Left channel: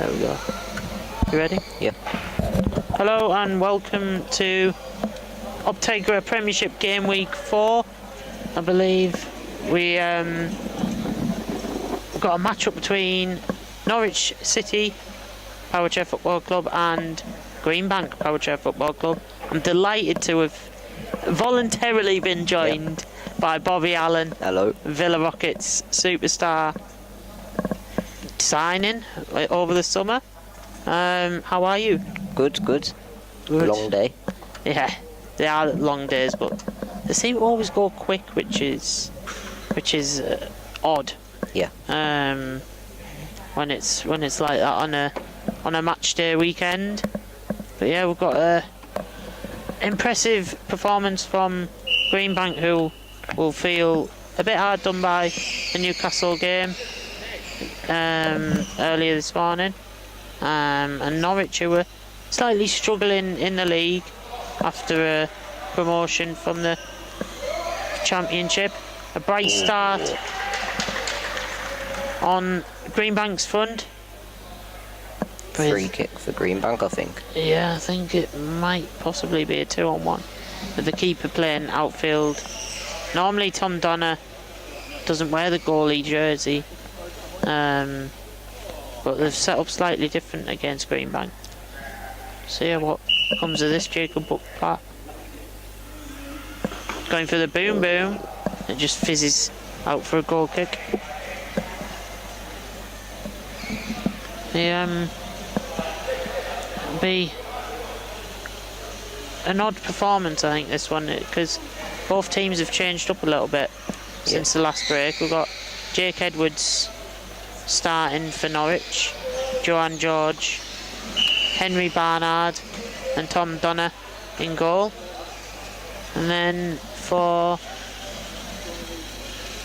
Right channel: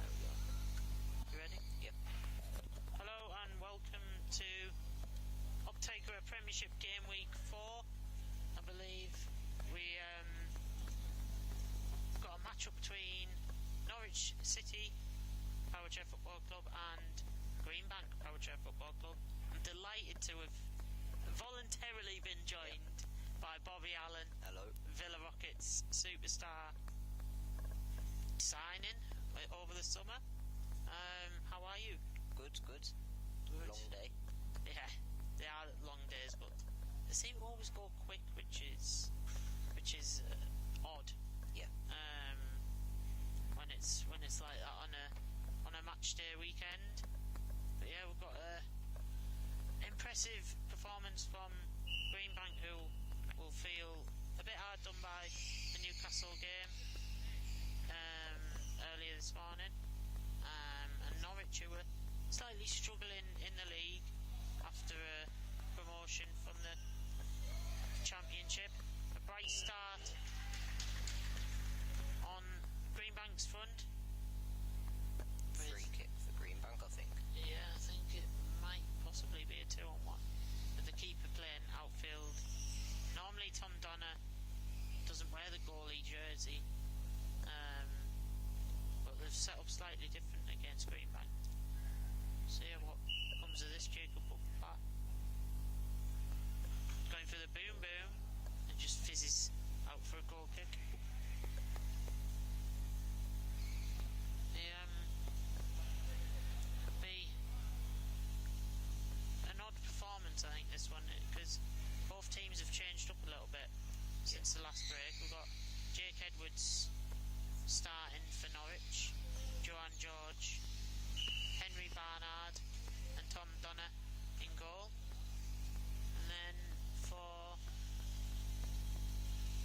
There we go. You ready? Yeah. Hello and welcome to Optegra Premiership game week 4. I believe we got a match-up between Norwich City Power Chair Football Club and Greenbank Power Chair Football Club. I'm delighted to have voluntarily been joined by Bobby Allen. Hello. Villa Rockets superstar signing over the summer. How are you? Good. Long day. Yeah, they are long days, but they seem to always go quick, which is odd. Yeah. When it's like that on a match day weekend. But yeah, we've got a impressive performance from Greenbank, who will feel a bit hard done by the Newcastle game earlier this morning, and Norwich, who were slightly struggling in the league after a promotion from the Championship. A bright start on Greenbank's front. Free kick for Greenbank, I think. Yeah, I think it might possibly be a 2-on-1 with the keeper playing outfield. Normally Tom Donner doesn't wear the goalie jersey, but they've set up slightly different against Greenbank. So yeah, what comes of this? Jacob Buckplatt going for the boom, it just fizzes out for a goal kick. Be an odd performance, I think, this one, because both teams have changed up a little bit since the last break. We've got Jake Edwards starting for Norwich, Joanne George, Henry Barnard and Tom Donner in goal. And then for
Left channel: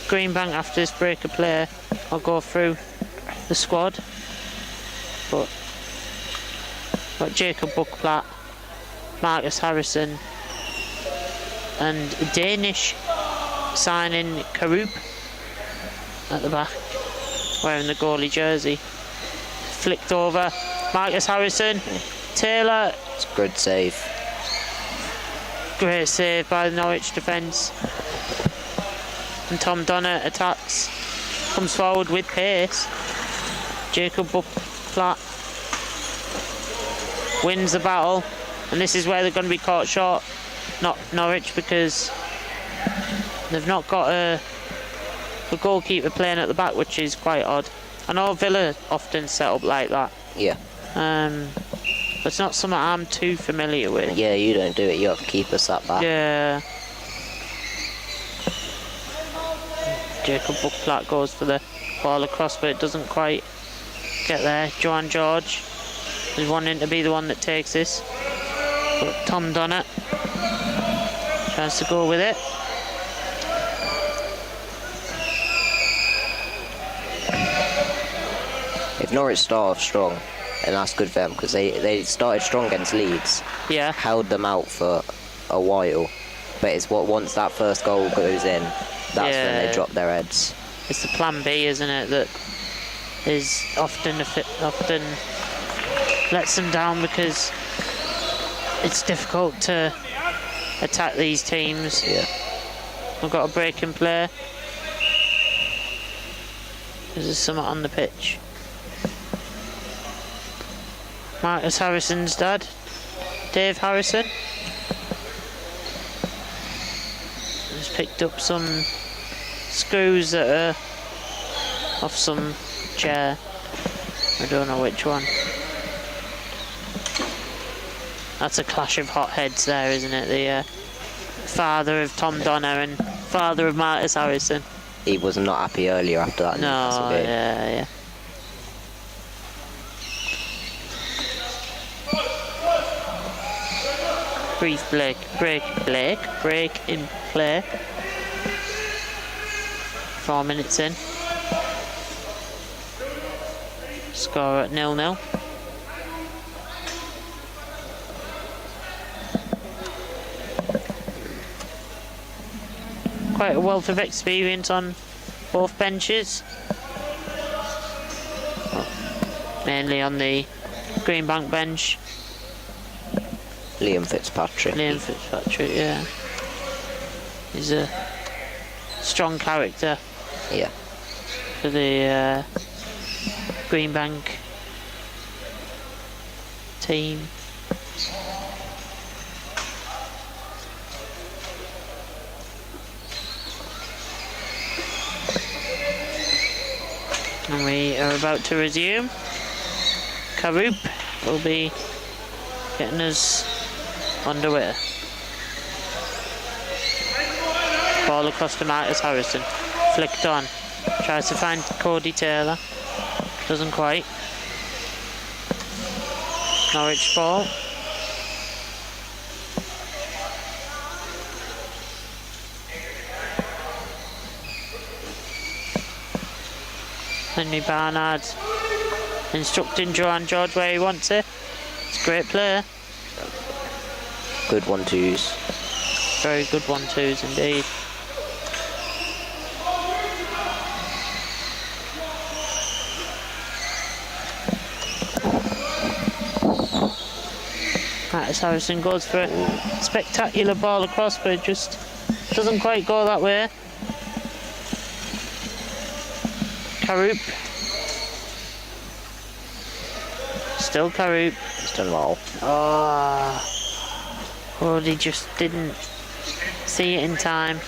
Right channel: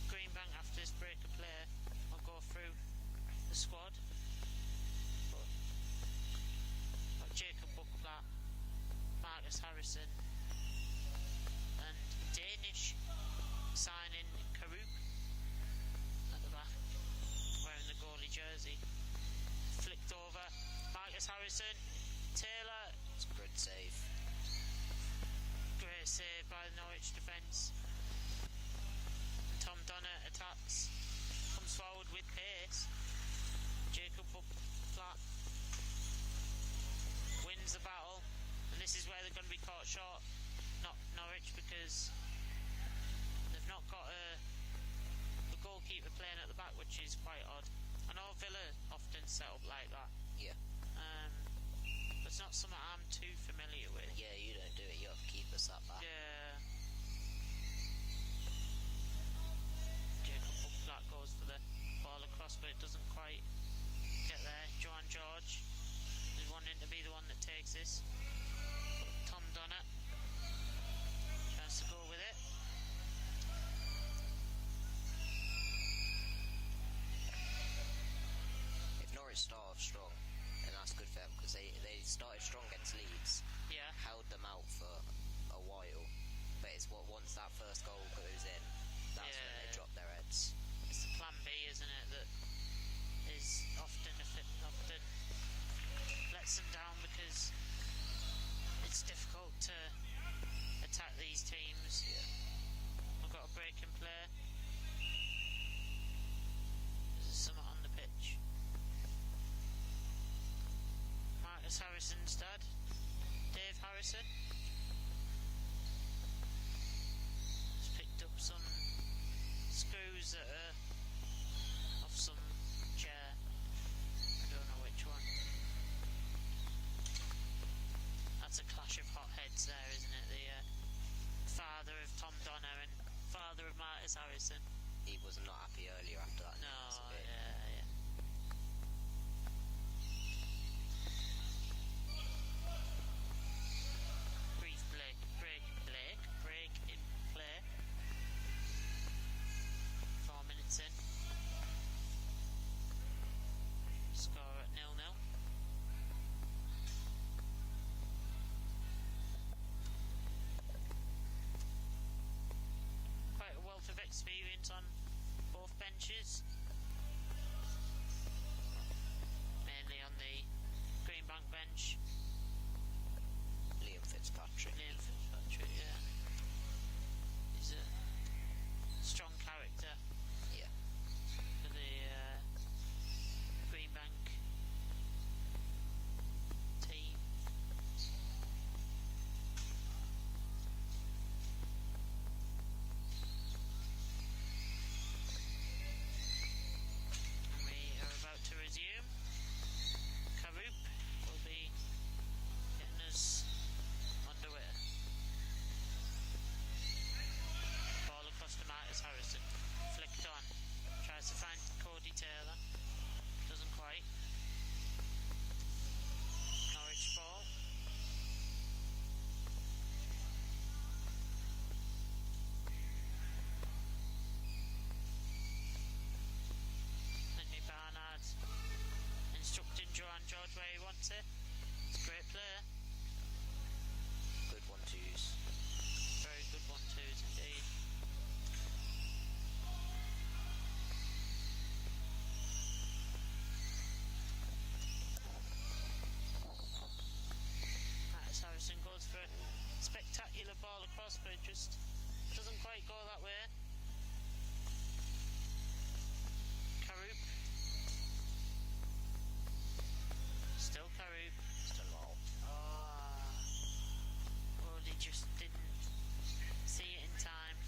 Greenbank, after this break of play, I'll go through the squad. But got Jacob Buckplatt, Marcus Harrison, and Danish signing Karup at the back, wearing the goalie jersey. Flicked over, Marcus Harrison, Taylor. It's a good save. Great save by the Norwich defence. And Tom Donner attacks, comes forward with pace. Jacob Buckplatt wins the battle, and this is where they're going to be caught short, not Norwich, because they've not got a goalkeeper playing at the back, which is quite odd. I know Villa often set up like that. Yeah. But it's not something I'm too familiar with. Yeah, you don't do it. You have to keep us at back. Yeah. Jacob Buckplatt goes for the ball across, but it doesn't quite get there. Joanne George is wanting to be the one that takes this, but Tom Donner tries to go with it. If Norwich start off strong, and that's good for them, because they started strong against Leeds. Yeah. Held them out for a while, but it's once that first goal goes in, that's when they drop their heads. It's the plan B, isn't it, that is often lets them down, because it's difficult to attack these teams. Yeah. We've got a break in play. There's something on the pitch. Marcus Harrison's dad, Dave Harrison, has picked up some screws that are off some chair. I don't know which one. That's a clash of hot heads there, isn't it? The father of Tom Donner and father of Marcus Harrison. He was not happy earlier after that Newcastle game. Yeah. Brief break in play. 4 minutes in. Score at 0-0. Quite a wealth of experience on both benches. mainly on the Greenbank bench. Liam Fitzpatrick. Yeah. He's a strong character. Yeah. For the Greenbank team. And we are about to resume. Karoop will be getting us underway. Ball across to Marcus Harrison. Flicked on. Tries to find Cody Taylor. Doesn't quite. Norwich ball. Henry Barnard instructing Joanne George where he wants it. It's a great player. Good 1-2s. Very good 1-2s indeed. Marcus Harrison goes for a spectacular ball across, but it just doesn't quite go that way. Karoop. Still Karoop. Still low. Oh, he just didn't see it in time.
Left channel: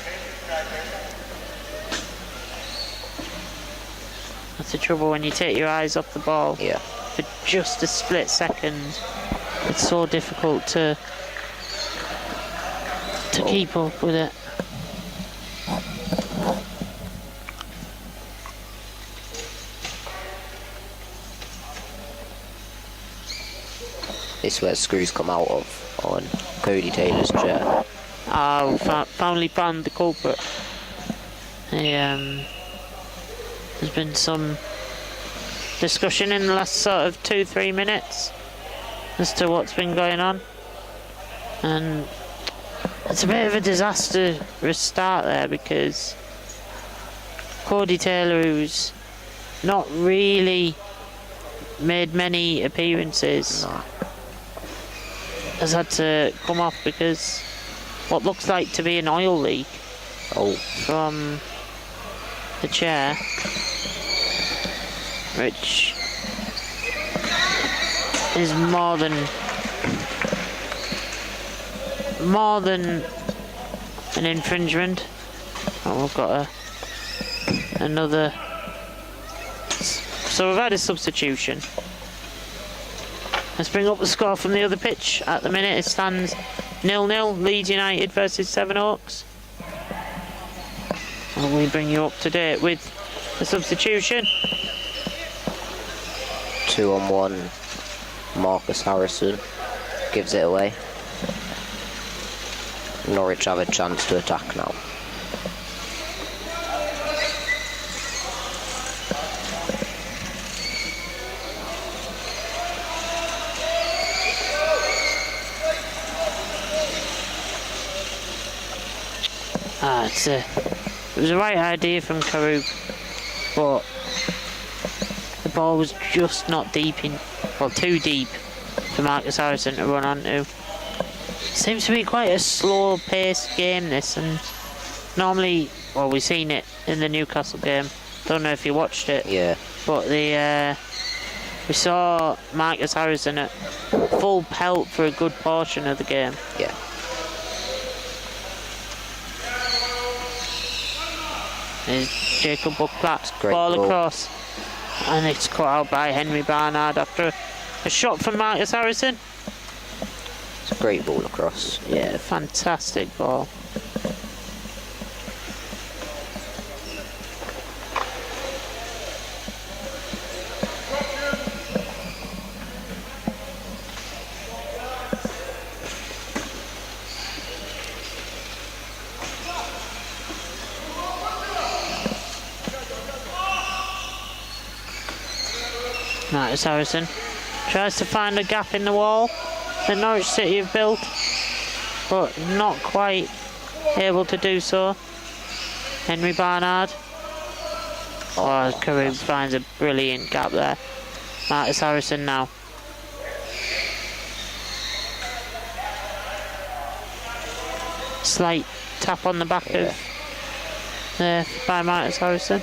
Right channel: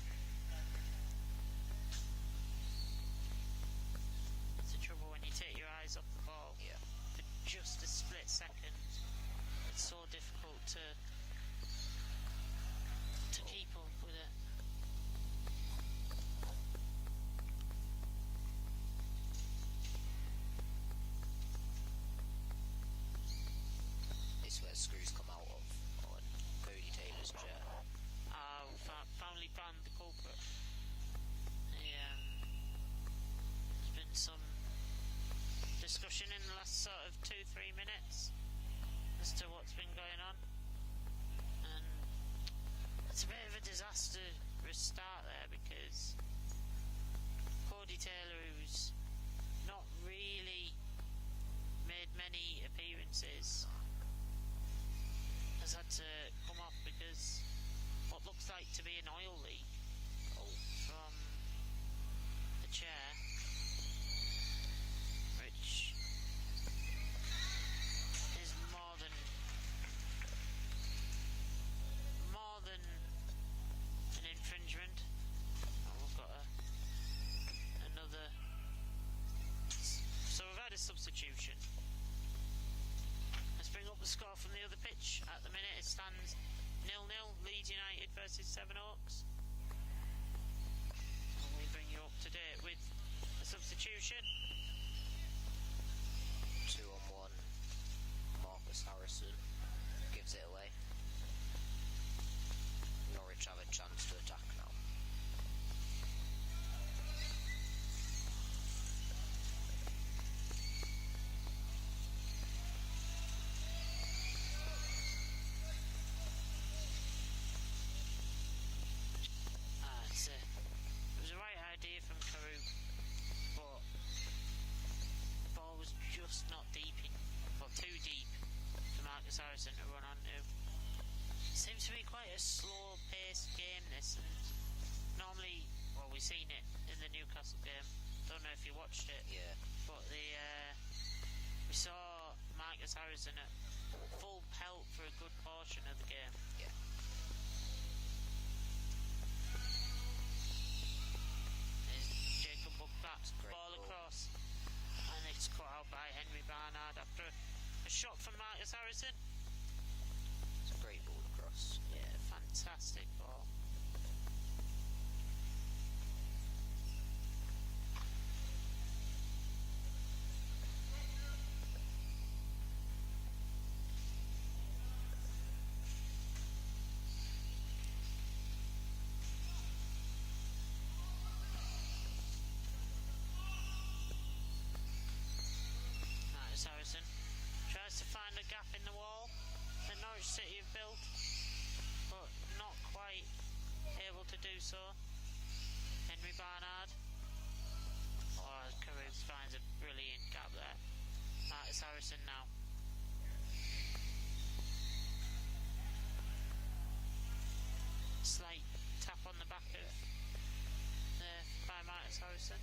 That's the trouble when you take your eyes off the ball. Yeah. For just a split second. It's so difficult to keep up with it. This is where screws come out of on Cody Taylor's chair. Oh, finally found the culprit. There's been some discussion in the last sort of 2-3 minutes as to what's been going on, and it's a bit of a disastrous start there because Cody Taylor, who's not really made many appearances, has had to come off because what looks like to be an oil leak from the chair, which is more than an infringement. Oh, we've got another. So we've had a substitution. Let's bring up the score from the other pitch. At the minute it stands 0-0, Leeds United versus Sevenoaks. And we bring you up to date with the substitution. 2-on-1, Marcus Harrison gives it away. Norwich have a chance to attack now. It was the right idea from Karoop, but the ball was just not deep in, well, too deep for Marcus Harrison to run onto. Seems to be quite a slow-paced game, this, and normally, well, we've seen it in the Newcastle game. Don't know if you watched it. Yeah. But we saw Marcus Harrison at full pelt for a good portion of the game. Yeah. There's Jacob Buckplatt, Great ball goal. across, and it's cut out by Henry Barnard after a shot from Marcus Harrison. It's a great ball across. Yeah, fantastic ball. Marcus Harrison tries to find a gap in the wall that Norwich City have built, but not quite able to do so. Henry Barnard. Oh, Karoop finds a brilliant gap there. Marcus Harrison now. Slight tap on the back of there by Marcus Harrison.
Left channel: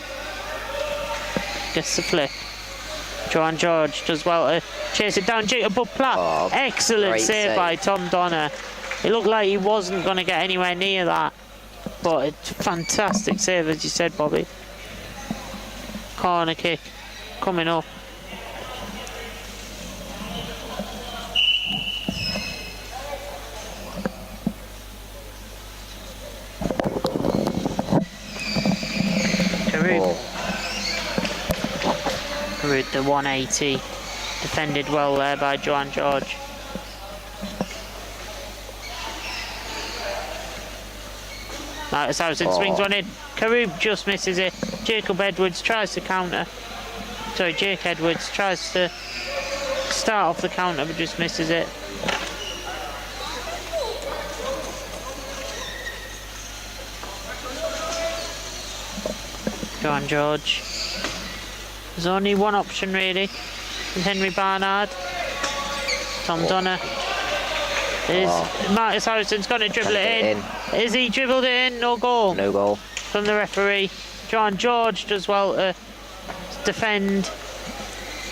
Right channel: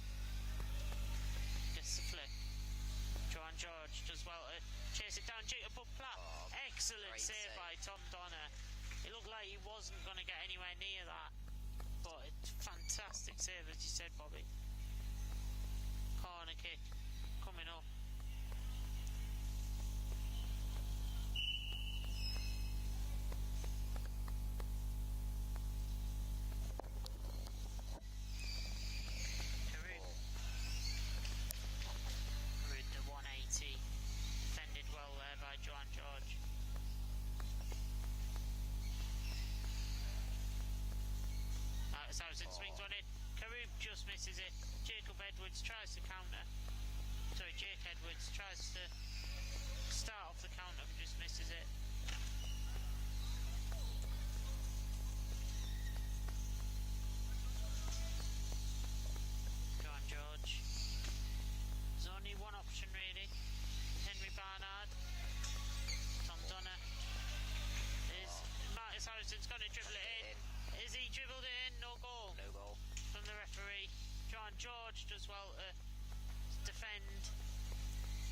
Gets the flick. Johan George does well to chase it down. Jacob Platt. Oh, excellent save by Tom Donner. It looked like he wasn't going to get anywhere near that. But a fantastic save, as you said, Bobby. Corner kick coming up. Route the 180, defended well there by Johan George. Marcus Harrison swings one in. Karub just misses it. Jacob Edwards tries to counter. Sorry, Jake Edwards tries to start off the counter but just misses it. Johan George. There's only one option really, with Henry Barnard. Tom Donner. Marcus Harrison's going to dribble it in. Is he dribbled it in? No goal. No goal. From the referee. Johan George does well to defend.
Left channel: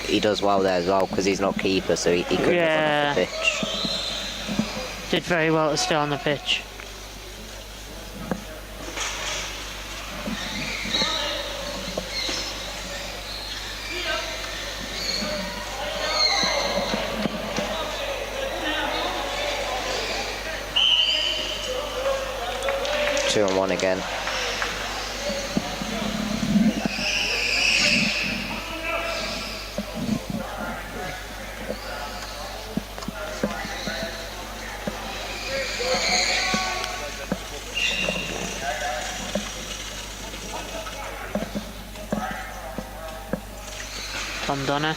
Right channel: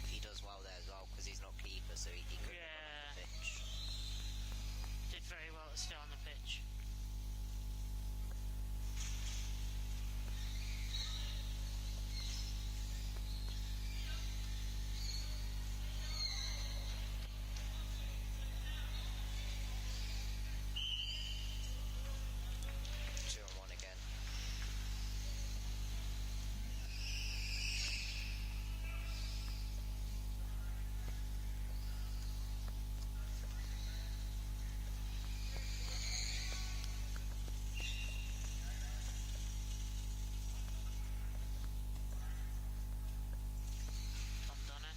He does well there as well because he's not keeper, so he couldn't have gone off the pitch. Did very well to stay on the pitch. Two and one again. Tom Donner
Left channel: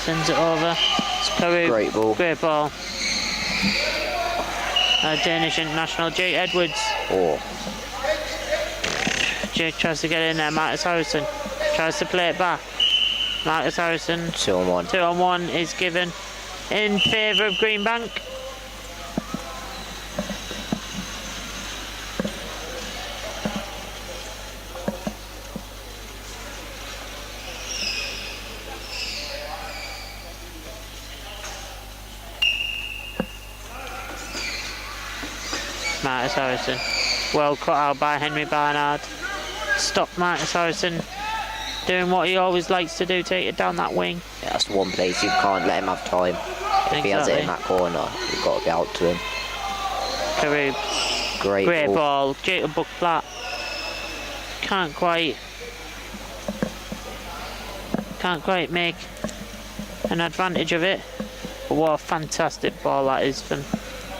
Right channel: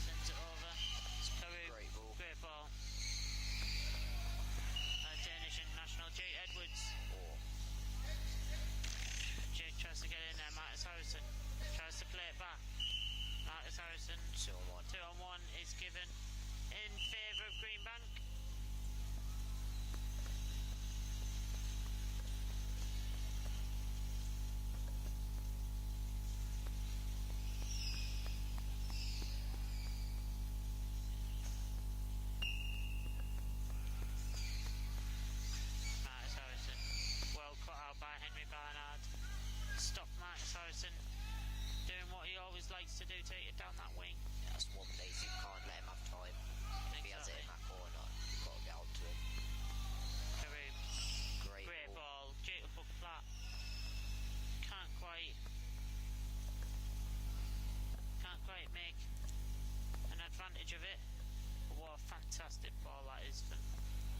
sends it over. It's Karub. Great ball. Great ball. Danish international Jake Edwards. Oh. Jake tries to get in there. Marcus Harrison tries to play it back. Marcus Harrison. 2 on 1. 2 on 1 is given in favour of Greenbank. Marcus Harrison. Well cut out by Henry Barnard. Stop Marcus Harrison doing what he always likes to do, take it down that wing. Yeah, that's one place you can't let him have time. If he has it in that corner, you've got to be out to him. Karub. Great ball. Jacob Platt. Can't quite make an advantage of it. But what a fantastic ball that is from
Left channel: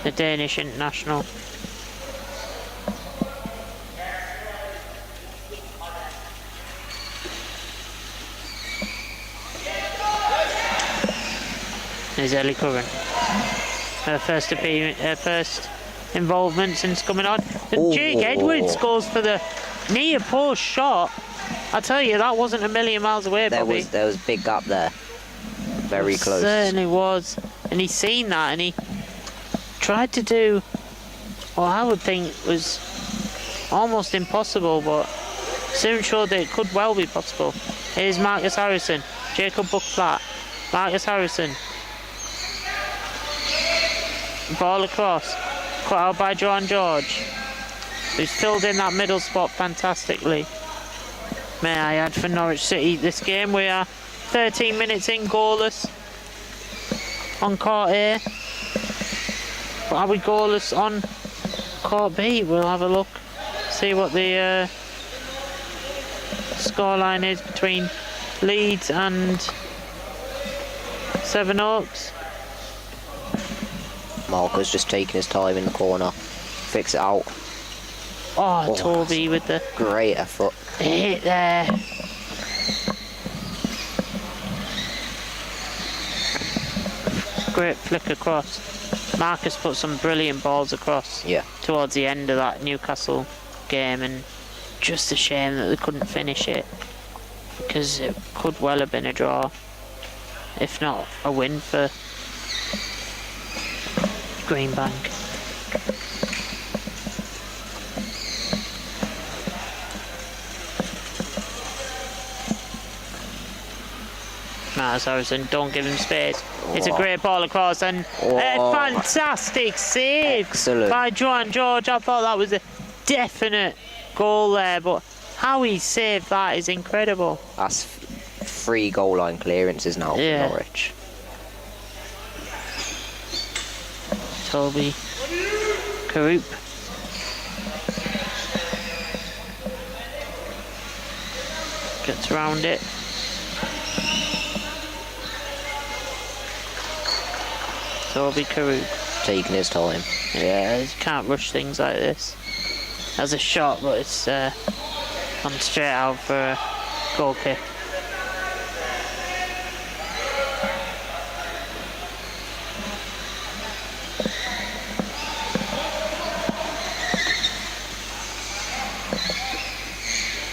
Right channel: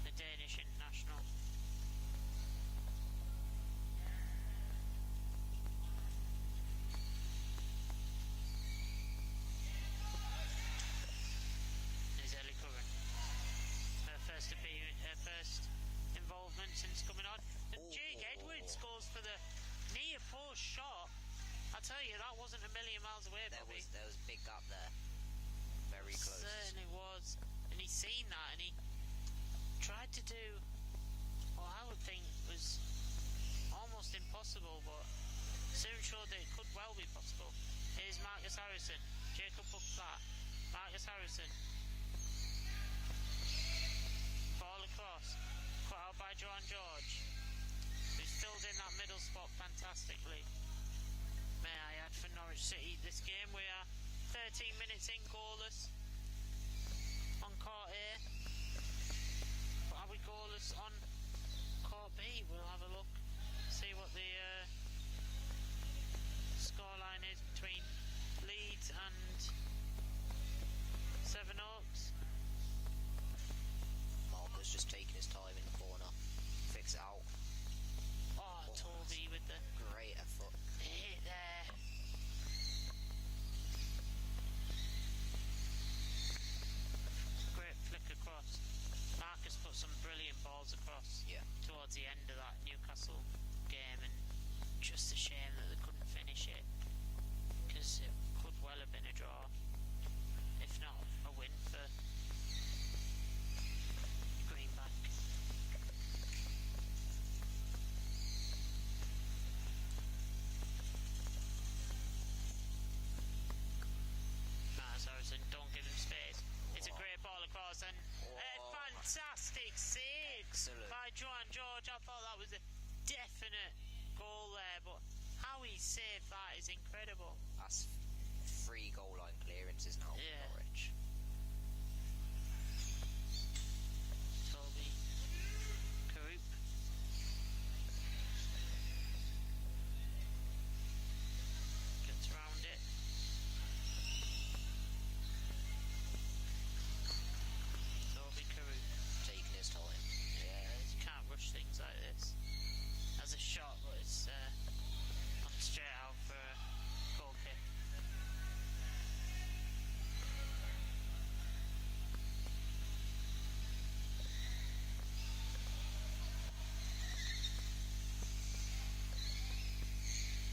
the Danish international. There's Ellie Curran. Her first involvement since coming on. And Jake Edwards goes for the near post shot. I tell you, that wasn't a million miles away, Bobby. There was a big gap there. Very close. Certainly was. And he's seen that and he tried to do what I would think was almost impossible, but soon showed that it could well be possible. Here's Marcus Harrison. Jacob Platt. Marcus Harrison. Ball across, cut out by Johan George, who's filled in that middle spot fantastically. May I add, for Norwich City this game, we are 13 minutes in, goalless on court A. But are we goalless on court B? We'll have a look, see what the scoreline is between Leeds and Sevenoaks. Marco's just taking his time in the corner. Fix it out. Oh, Toby with the great effort. Hit there. Great flick across. Marcus put some brilliant balls across towards the end of that Newcastle game, and just a shame that they couldn't finish it. because it could well have been a draw, if not a win for Greenbank. Miles Harrison, don't give him space. It's a great ball across and a fantastic save by Joan George. I thought that was a definite goal there, but how he saved that is incredible. That's 3 goal line clearances now for Norwich. Toby Karoop. Gets around it. Toby Karoop. Taking his time. Yeah, you can't rush things like this. That's a shot, but it's gone straight out for a goal kick.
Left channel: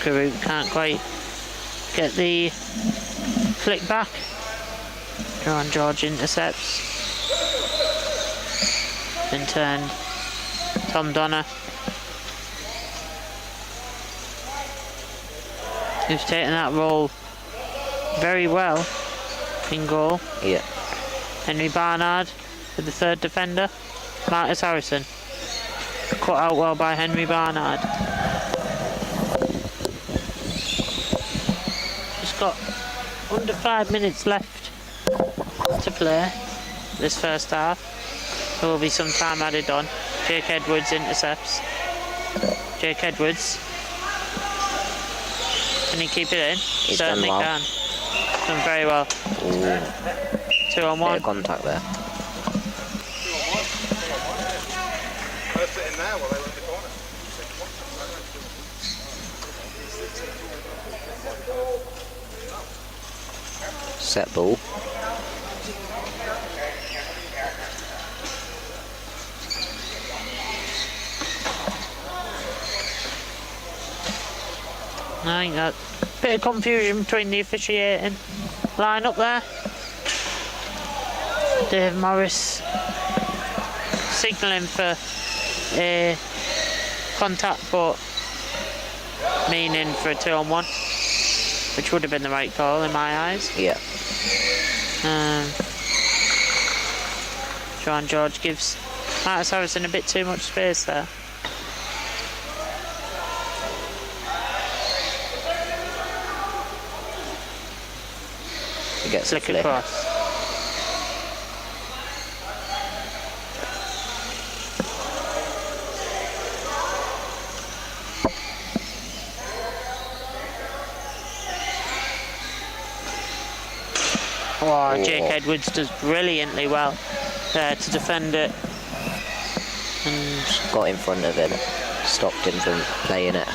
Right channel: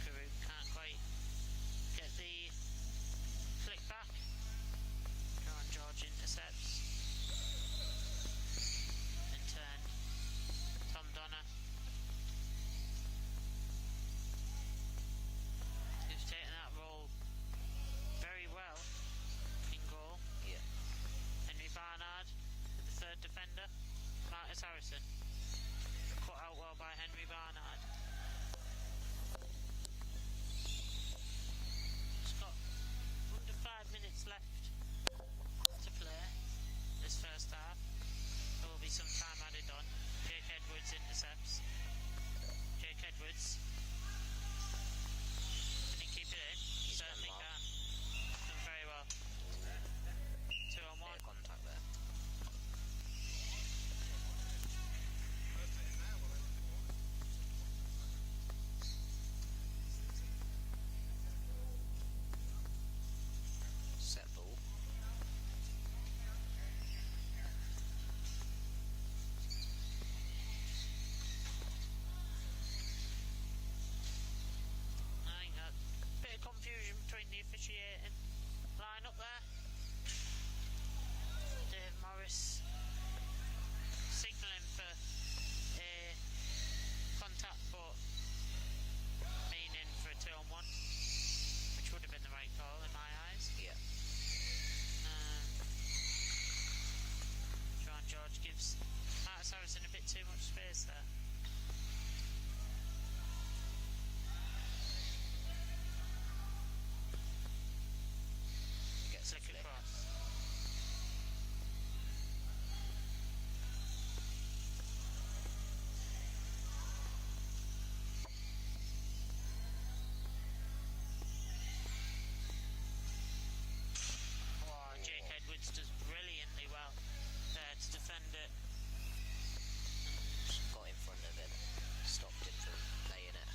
Karoop can't quite get the flick back. Joan George intercepts. Then turned. Tom Donner. Who's taken that role very well in goal. Yeah. Henry Barnard with the third defender. Marcus Harrison. Cut out well by Henry Barnard. Just got under 5 minutes left to play this first half. There will be some time added on. Jake Edwards intercepts. Jake Edwards. Can he keep it in? He's Certainly done well. can. Done very well. Ooh. 2 on 1. Bit of contact there. Set ball. I think that bit of confusion between the officiating line up there. Dave Morris signalling for a contact, but meaning for a 2 on 1, which would have been the right call in my eyes. Yeah. Joan George gives Marcus Harrison a bit too much space there. He gets a Flick flick. across. Oh, Jake Edwards does brilliantly well there to defend it. And Got in front of him. Stopped him from playing it.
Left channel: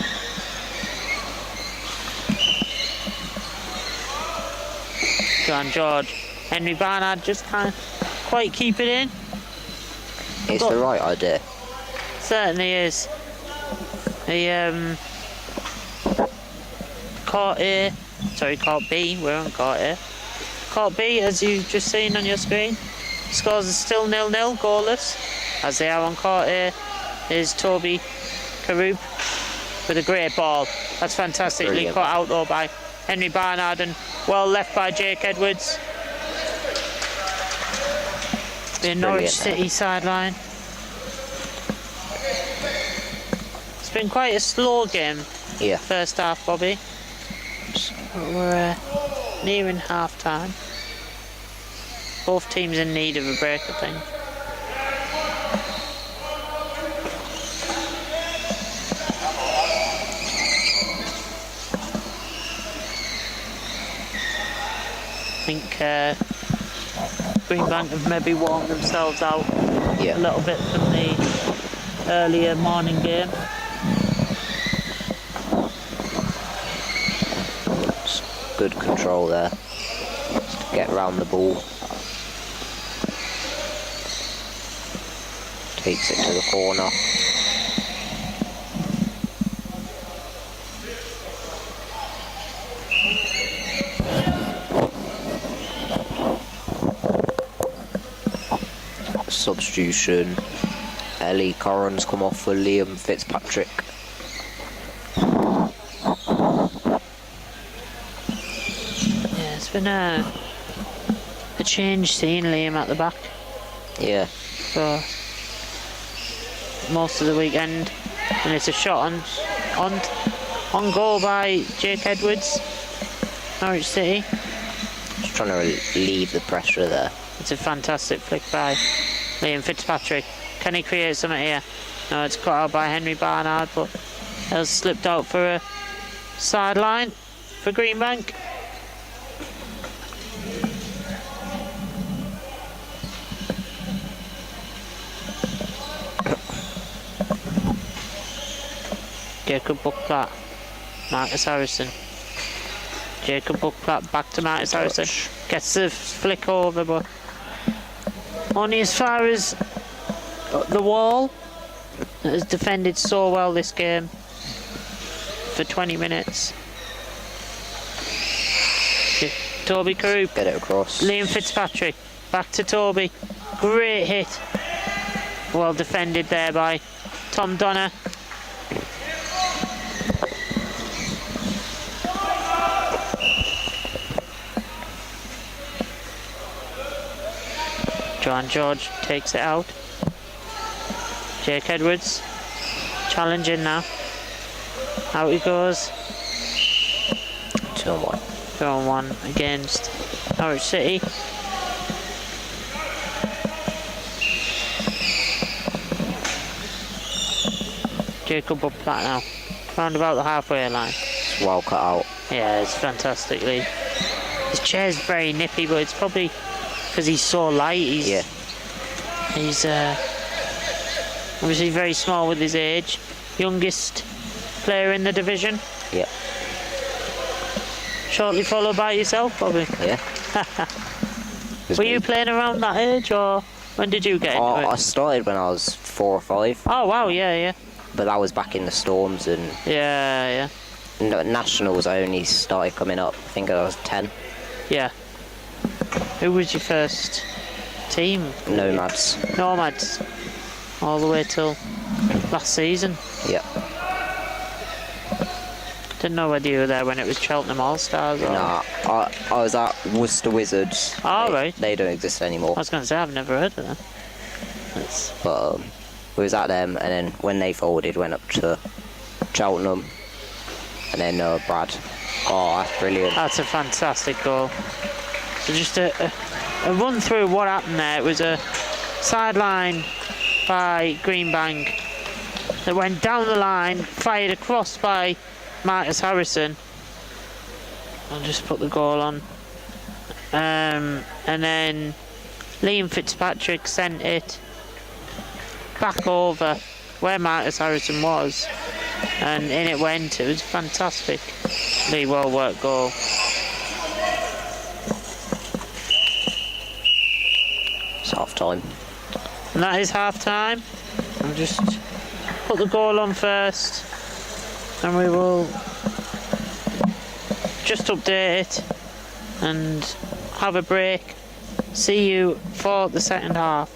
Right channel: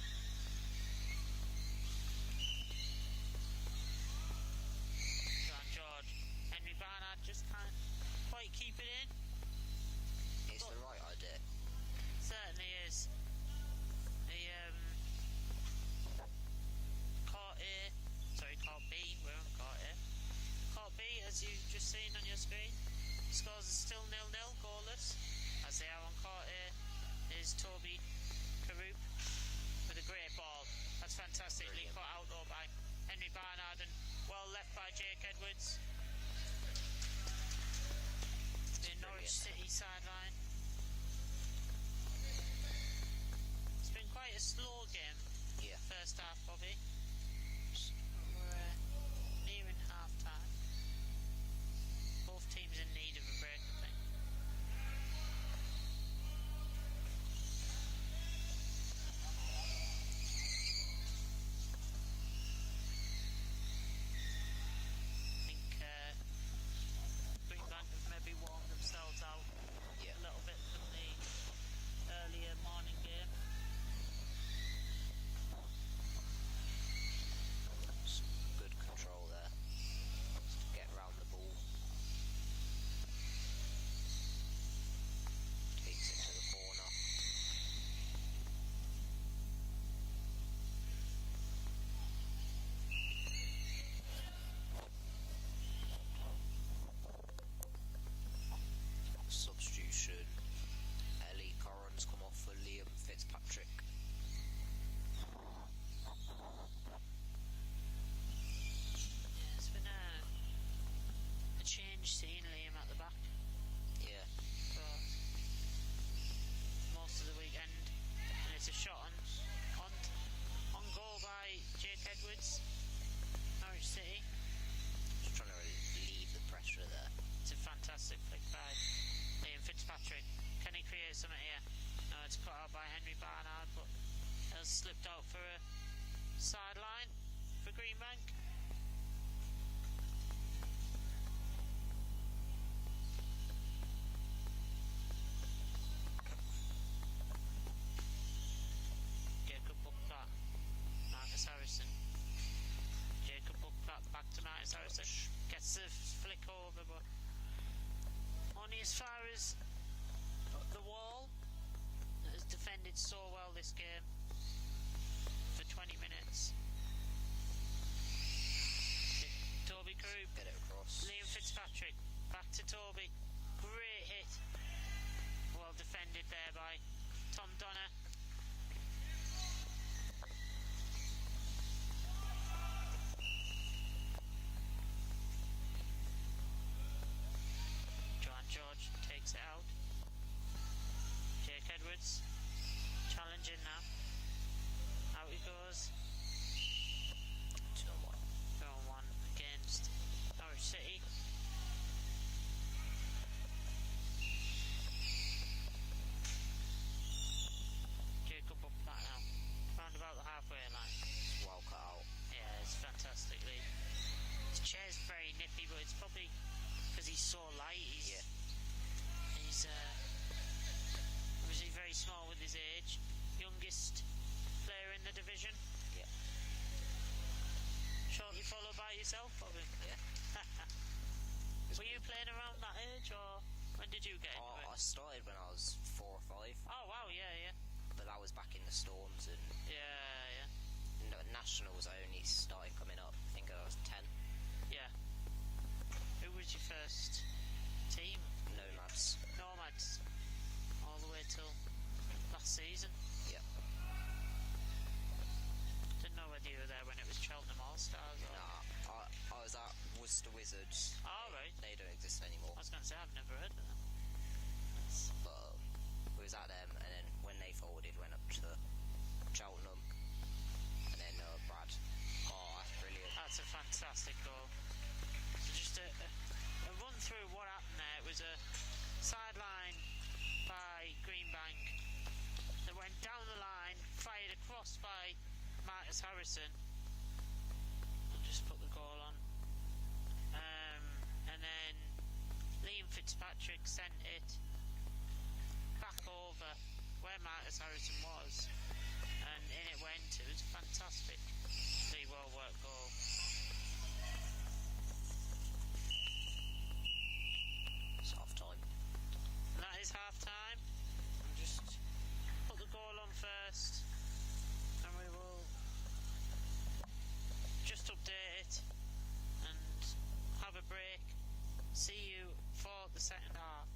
Joan George. Henry Barnard just can't quite keep it in. It's the right idea. Certainly is. He caught A, sorry, caught B, we're on caught A. Caught B, as you've just seen on your screen. Scores are still 0-0, goalless. As they are on caught A is Toby Karoop with a great ball. That's fantastically Brilliant. cut out though by Henry Barnard and well left by Jake Edwards. The Norwich City sideline. It's been quite a slow game. Yeah. First half, Bobby. We're nearing half time. Both teams in need of a break, I think. I think Greenbank have maybe warmed themselves out a little bit from the earlier morning game. Good control there. Just to get around the ball. Takes it to the corner. substitution. Ellie Corran's come off for Liam Fitzpatrick. Yeah, it's been a change seeing Liam at the back Yeah. for most of the weekend, and it's a shot on goal by Jake Edwards, Norwich City. Just trying to relieve the pressure there. It's a fantastic flick by Liam Fitzpatrick. Can he create something here? No, it's cut out by Henry Barnard, but it has slipped out for a sideline for Greenbank. Jacob Buckplatt, Marcus Harrison. Jacob Buckplatt back to Marcus Harrison. Gets the flick over, but only as far as the wall. That has defended so well this game for 20 minutes. Toby Carew. Get it across. Liam Fitzpatrick. Back to Toby. Great hit. Well defended there by Tom Donner. Joan George takes it out. Jake Edwards challenging now. Out he goes. 2-1. 2-1 against Norwich City. Jacob Buckplatt now. Round about the halfway line. It's well cut out. Yeah, it's fantastically. His chair's very nippy, but it's probably because he's so light. He's obviously very small with his age. Youngest player in the division. Yeah. Shortly followed by yourself, Bobby. Yeah. Were you playing around that age, or when did you get into it? I started when I was 4 or 5. Oh wow, yeah. But that was back in the Storms, and Yeah. Nationals I only started coming up. I think I was 10. Yeah. Who was your first team? Nomads. Nomads. All the way till last season. Yeah. Didn't know whether you were there when it was Cheltenham All-Stars or... Nah, I was at Worcester Wizards. Oh, right. They don't exist anymore. I was going to say, I've never heard of them. But we was at them, and then when they folded, went up to Cheltenham, and then Brad. Oh, that's brilliant. That's a fantastic goal. So just a run through what happened there. It was a sideline by Greenbank that went down the line, fired across by Marcus Harrison. I'll just put the goal on. And then Liam Fitzpatrick sent it back over where Marcus Harrison was, and in it went. It was fantastic. Lee, well worked goal. It's half time. And that is half time. I'll just put the goal on first, and we will just update it and have a break. See you for the second half.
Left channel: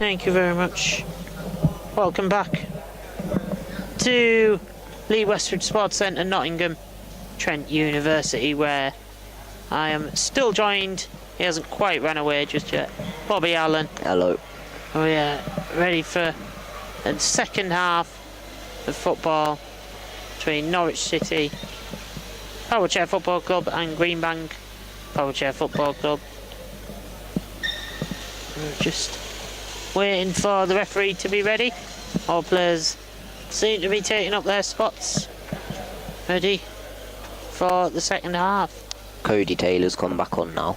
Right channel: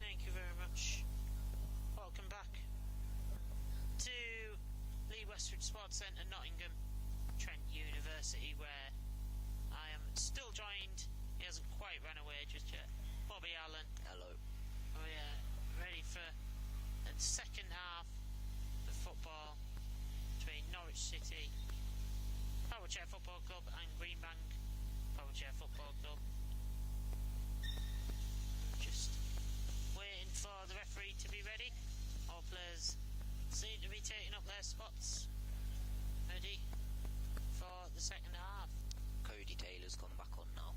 Thank you very much. Welcome back to Lee Westwood Sports Centre, Nottingham, Trent University, where I am still joined. He hasn't quite run away just yet. Bobby Allen. Hello. Oh yeah, ready for the second half of football between Norwich City Power Chair Football Club and Greenbank Power Chair Football Club. We're just waiting for the referee to be ready. All players seem to be taking up their spots, ready for the second half. Cody Taylor's come back on now.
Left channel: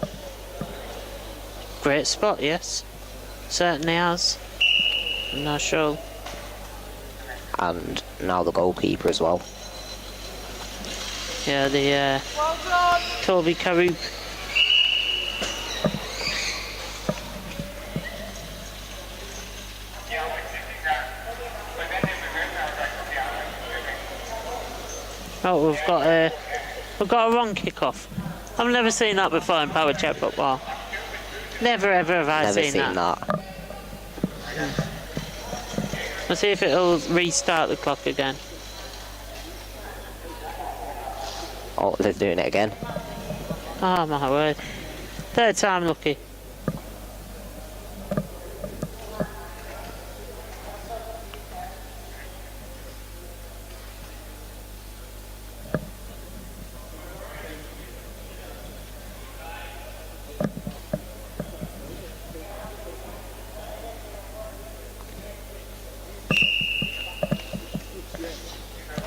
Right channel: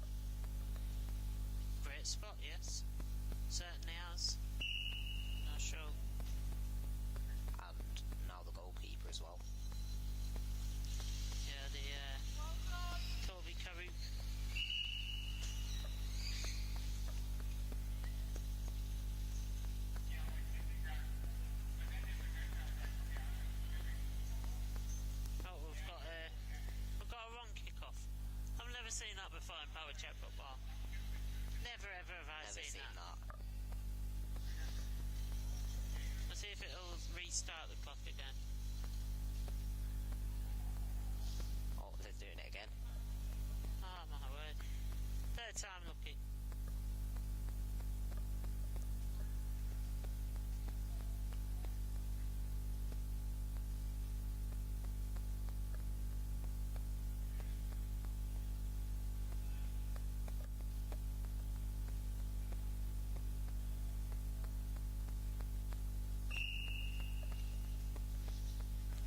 Great spot, yes. Certainly has. Not sure. And now the goalkeeper as well. Yeah, the Toby Karoop. Oh, we've got a wrong kick-off. I've never seen that before in Power Chair football. Never ever have I Never seen seen that. Let's see if it'll restart the clock again. Oh, they're doing it again. Oh my word. Third time lucky.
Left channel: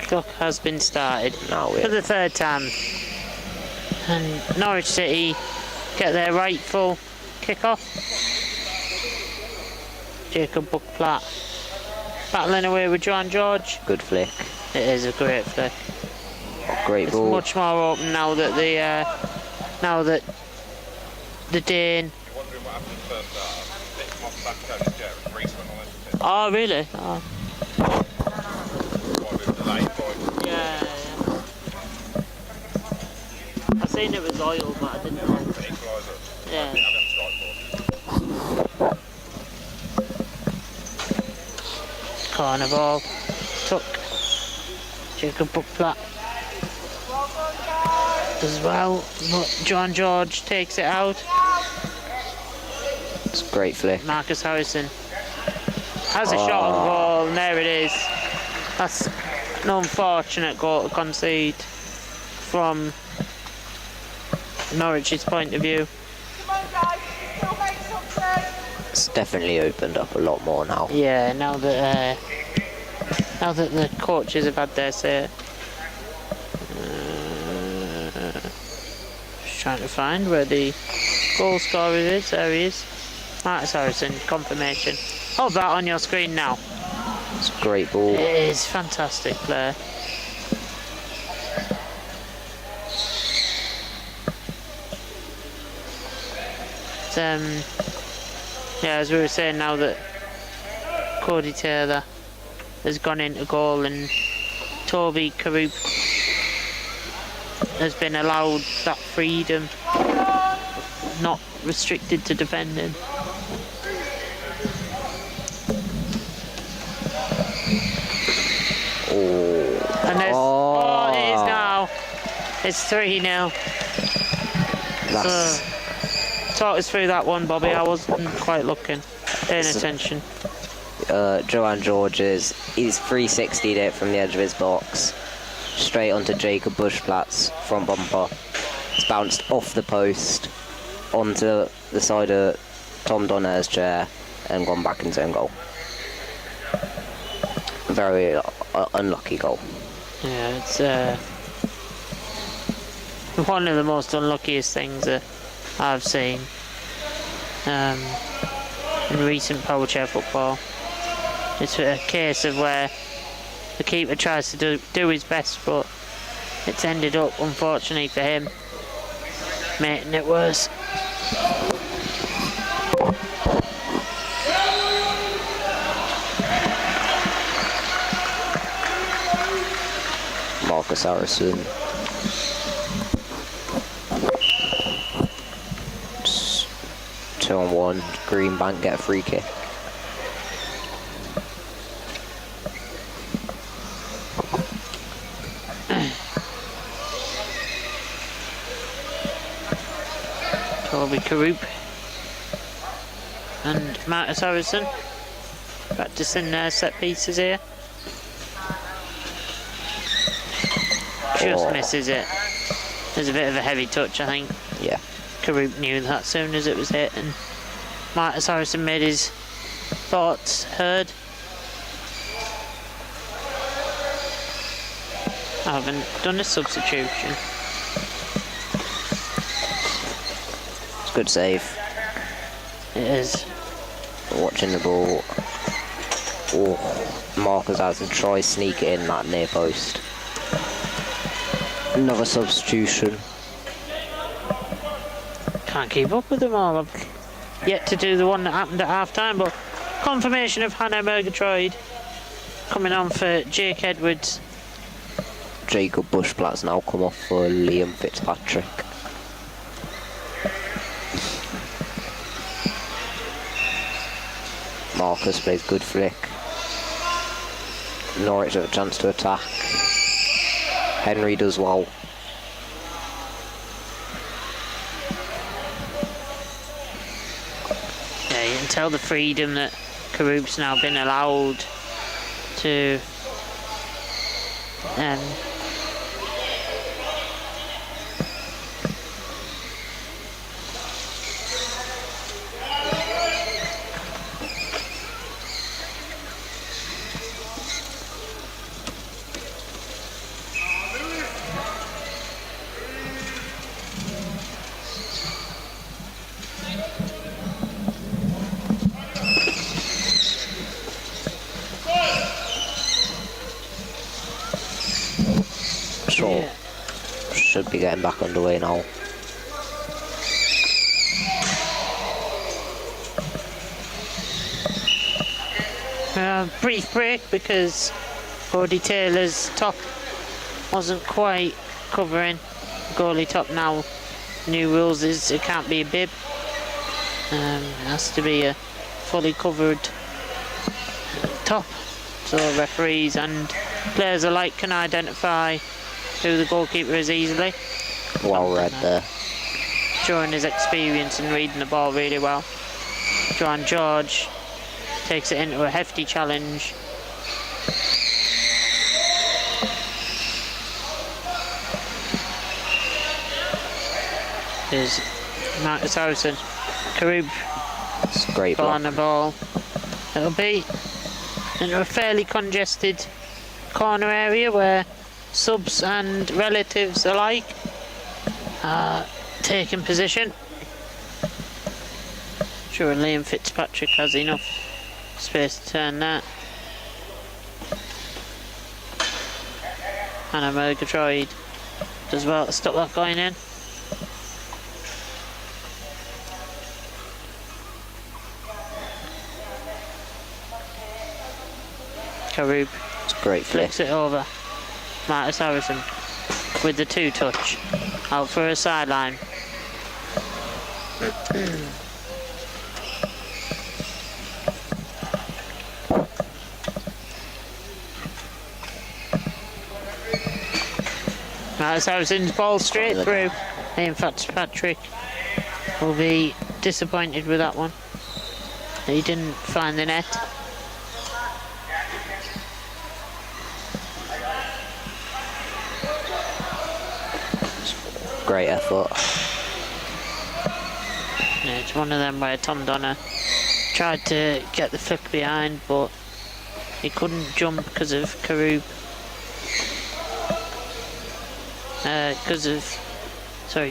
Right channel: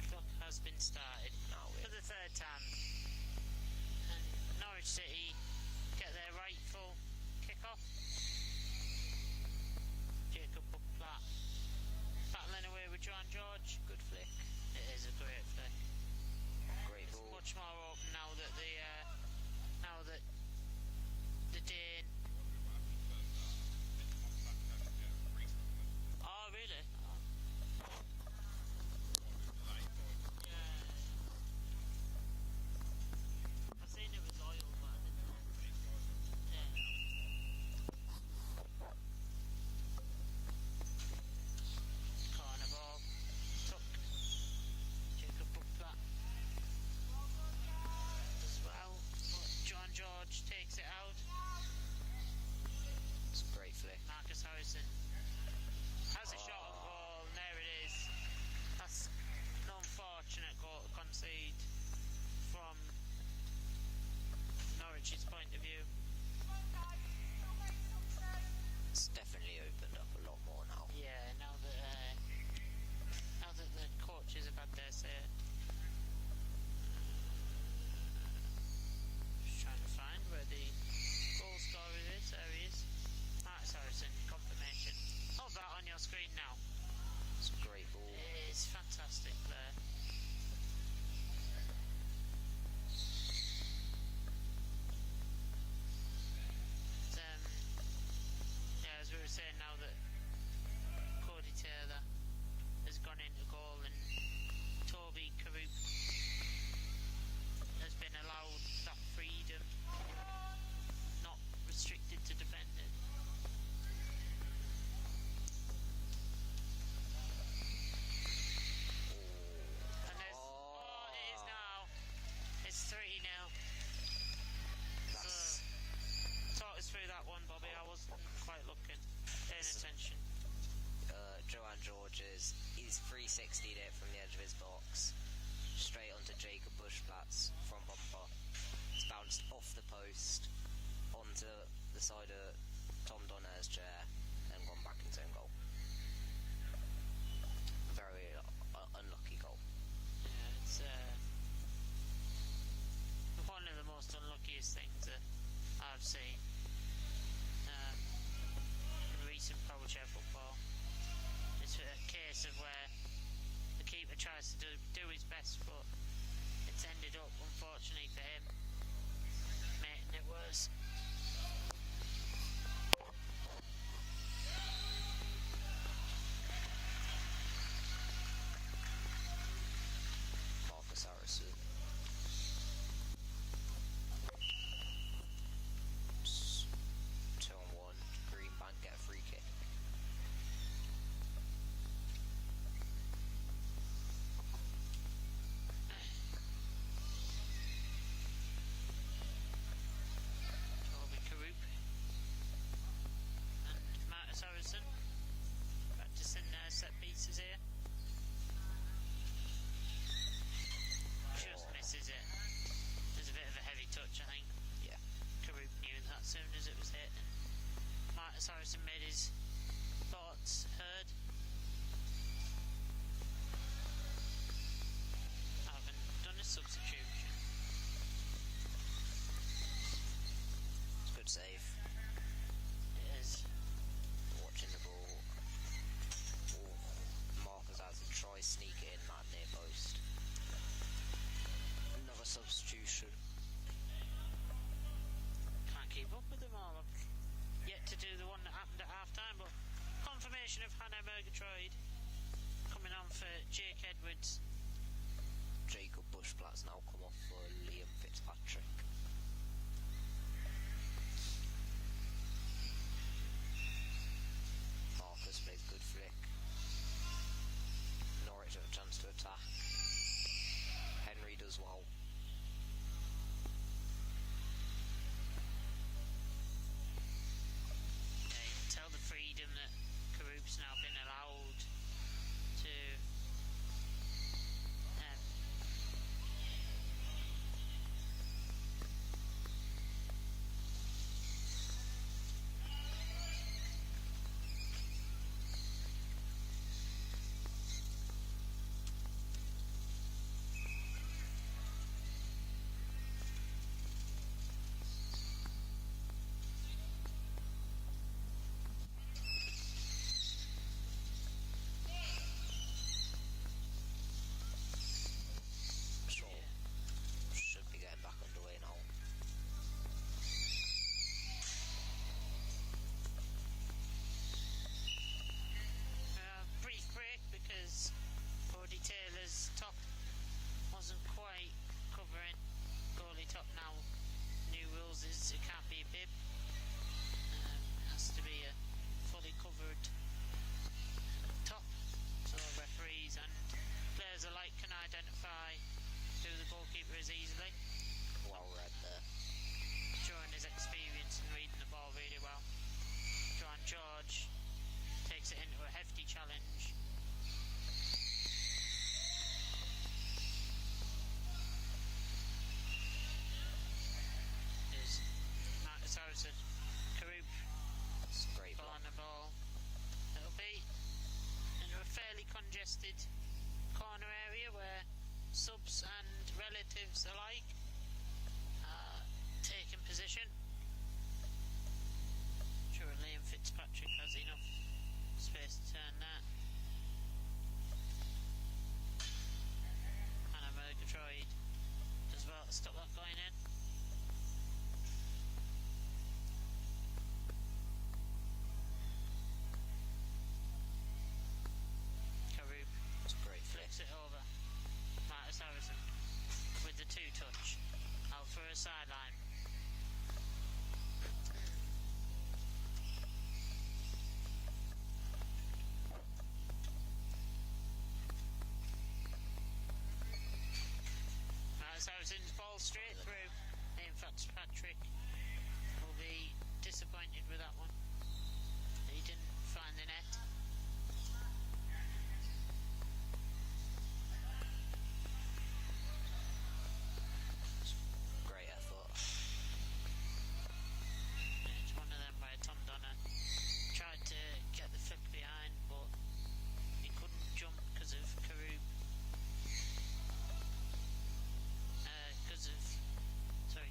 Clock has been started Now for the third time, and Norwich City get their rightful kick-off. Jacob Buckplatt battling away with John George. Good flick. It is a great flick. Great It's ball. much more open now that the Dane. Oh really? Oh. Yeah. I seen it was oil, but I didn't know. Yeah. Corner ball. Took Jacob Buckplatt as well, but John George takes it out. It's a great flick. Marcus Harrison has a shot on goal, and there it is. That's an unfortunate goal to concede from Norwich's point of view. It's definitely opened up a lot more now. Yeah, now that the coaches have had their say. Just trying to find where the goal scorer is. There he is. Marcus Harrison, confirmation. Hold that on your screen now. It's a great ball. It is fantastic player. Yeah, as we were saying, now that Cody Taylor has gone into goal and Toby Karoop has been allowed that freedom, not restricted to defending. And there's, oh, it is now. It's 3-0. That's, Talk us through that one, Bobby. I wasn't quite looking, paying attention. Joanne George's, he's 360'd it from the edge of his box, straight onto Jacob Bushplatt's front bumper. It's bounced off the post, onto the side of Tom Donner's chair, and gone back into own goal. Very unlucky goal. Yeah, it's one of the most unluckiest things that I've seen in recent Power Chair football. It's a case of where the keeper tries to do his best, but it's ended up, unfortunately for him, making it worse. Marcus Harrison. 2-on-1, Greenbank get a free kick. Toby Karoop and Marcus Harrison practicing their set pieces here. Just misses it. There's a bit of a heavy touch, I think. Yeah. Karoop knew that as soon as it was hit, and Marcus Harrison made his thoughts heard. I haven't done a substitution. It's a good save. It is. Watching the ball. Oh, Marcus Harrison tries to sneak it in that near post. Another substitution. Can't keep up with them all. I've yet to do the one that happened at half time, but confirmation of Hannah Murgatroyd coming on for Jake Edwards. Jacob Bushblatt's now come off for Liam Fitzpatrick. Marcus plays good flick. Norwich have a chance to attack. Henry does well. Yeah, you can tell the freedom that Karoop's now been allowed to should be getting back underway now. brief break because Cody Taylor's top wasn't quite covering. Goalie top now. New rules is it can't be a bib. It has to be a fully covered top, so referees and players alike can identify who the goalkeeper is easily. Well read there. Showing his experience in reading the ball really well. Joan George takes it into a hefty challenge. There's Marcus Harrison. Karoop It's a great block. on the ball. It'll be into a fairly congested corner area where subs and relatives alike are taking position. Sure, Liam Fitzpatrick has enough space to turn that. Hannah Murgatroyd does well to stop that going in. Karoop It's a great flick. flicks it over. Marcus Harrison with the two touch out for a sideline. Marcus Harrison's ball straight through. In fact, Patrick will be disappointed with that one. He didn't find the net. Great effort. Yeah, it's one of them where Tom Donner tried to get the flick behind, but he couldn't jump because of Karoop.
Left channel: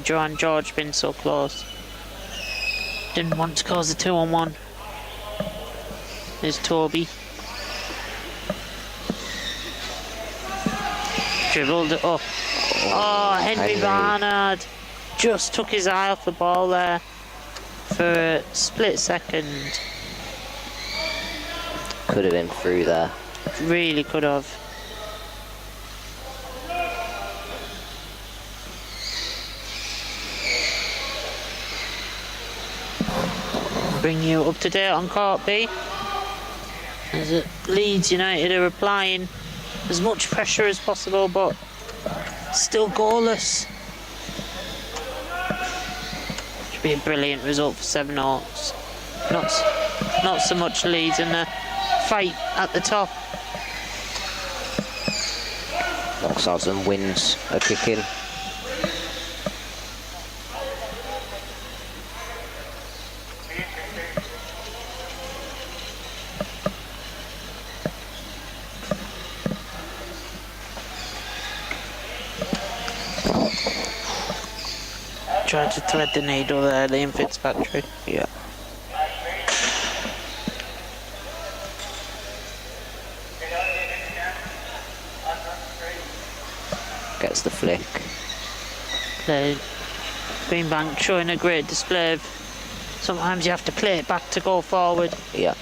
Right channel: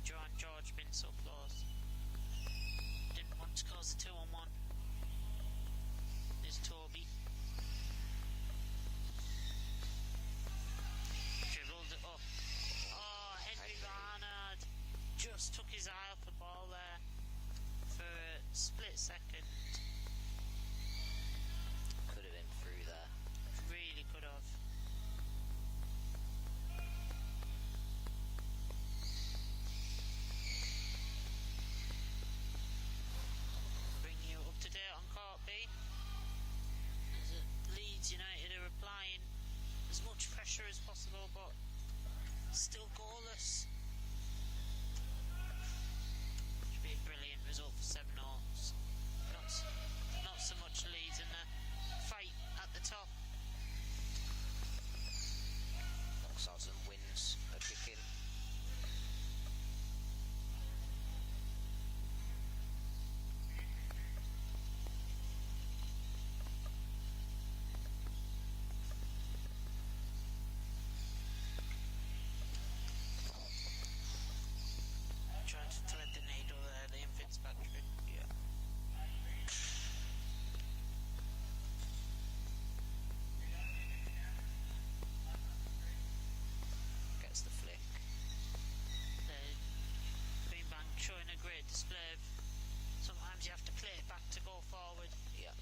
Joan George been so close. Didn't want to cause a 2-on-1. There's Toby. Dribbled it up. Oh, Henry Barnard just took his eye off the ball there for a split second. Could have been through there. Really could have. Bring you up to date on Court B. As Leeds United are applying as much pressure as possible, but still goalless. be a brilliant result for Seven Oaks. Not so much Leeds in the fight at the top. Southampton wins a kick-in. Tried to thread the needle there, Liam Fitzpatrick. Yeah. Gets the flick. Greenbank showing a great display of sometimes you have to play it back to go forward. Yeah.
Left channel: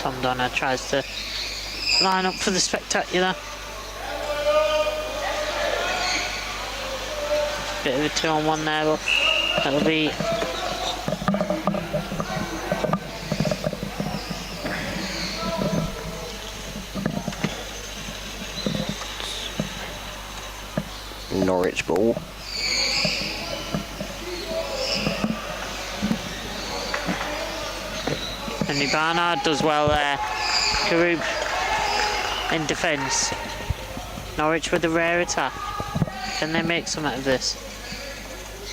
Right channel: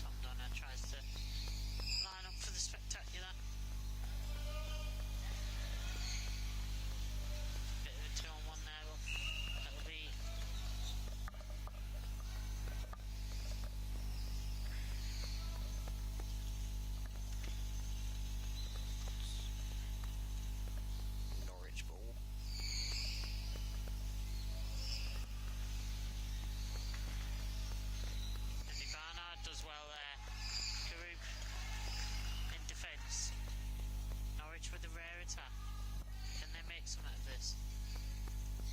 Tom Donner tries to line up for the spectacular. Bit of a 2-on-1 there, but that'll be Norwich ball. Henry Barnard does well there. Karub in defence. Norwich with a rare attack. Can they make something of this?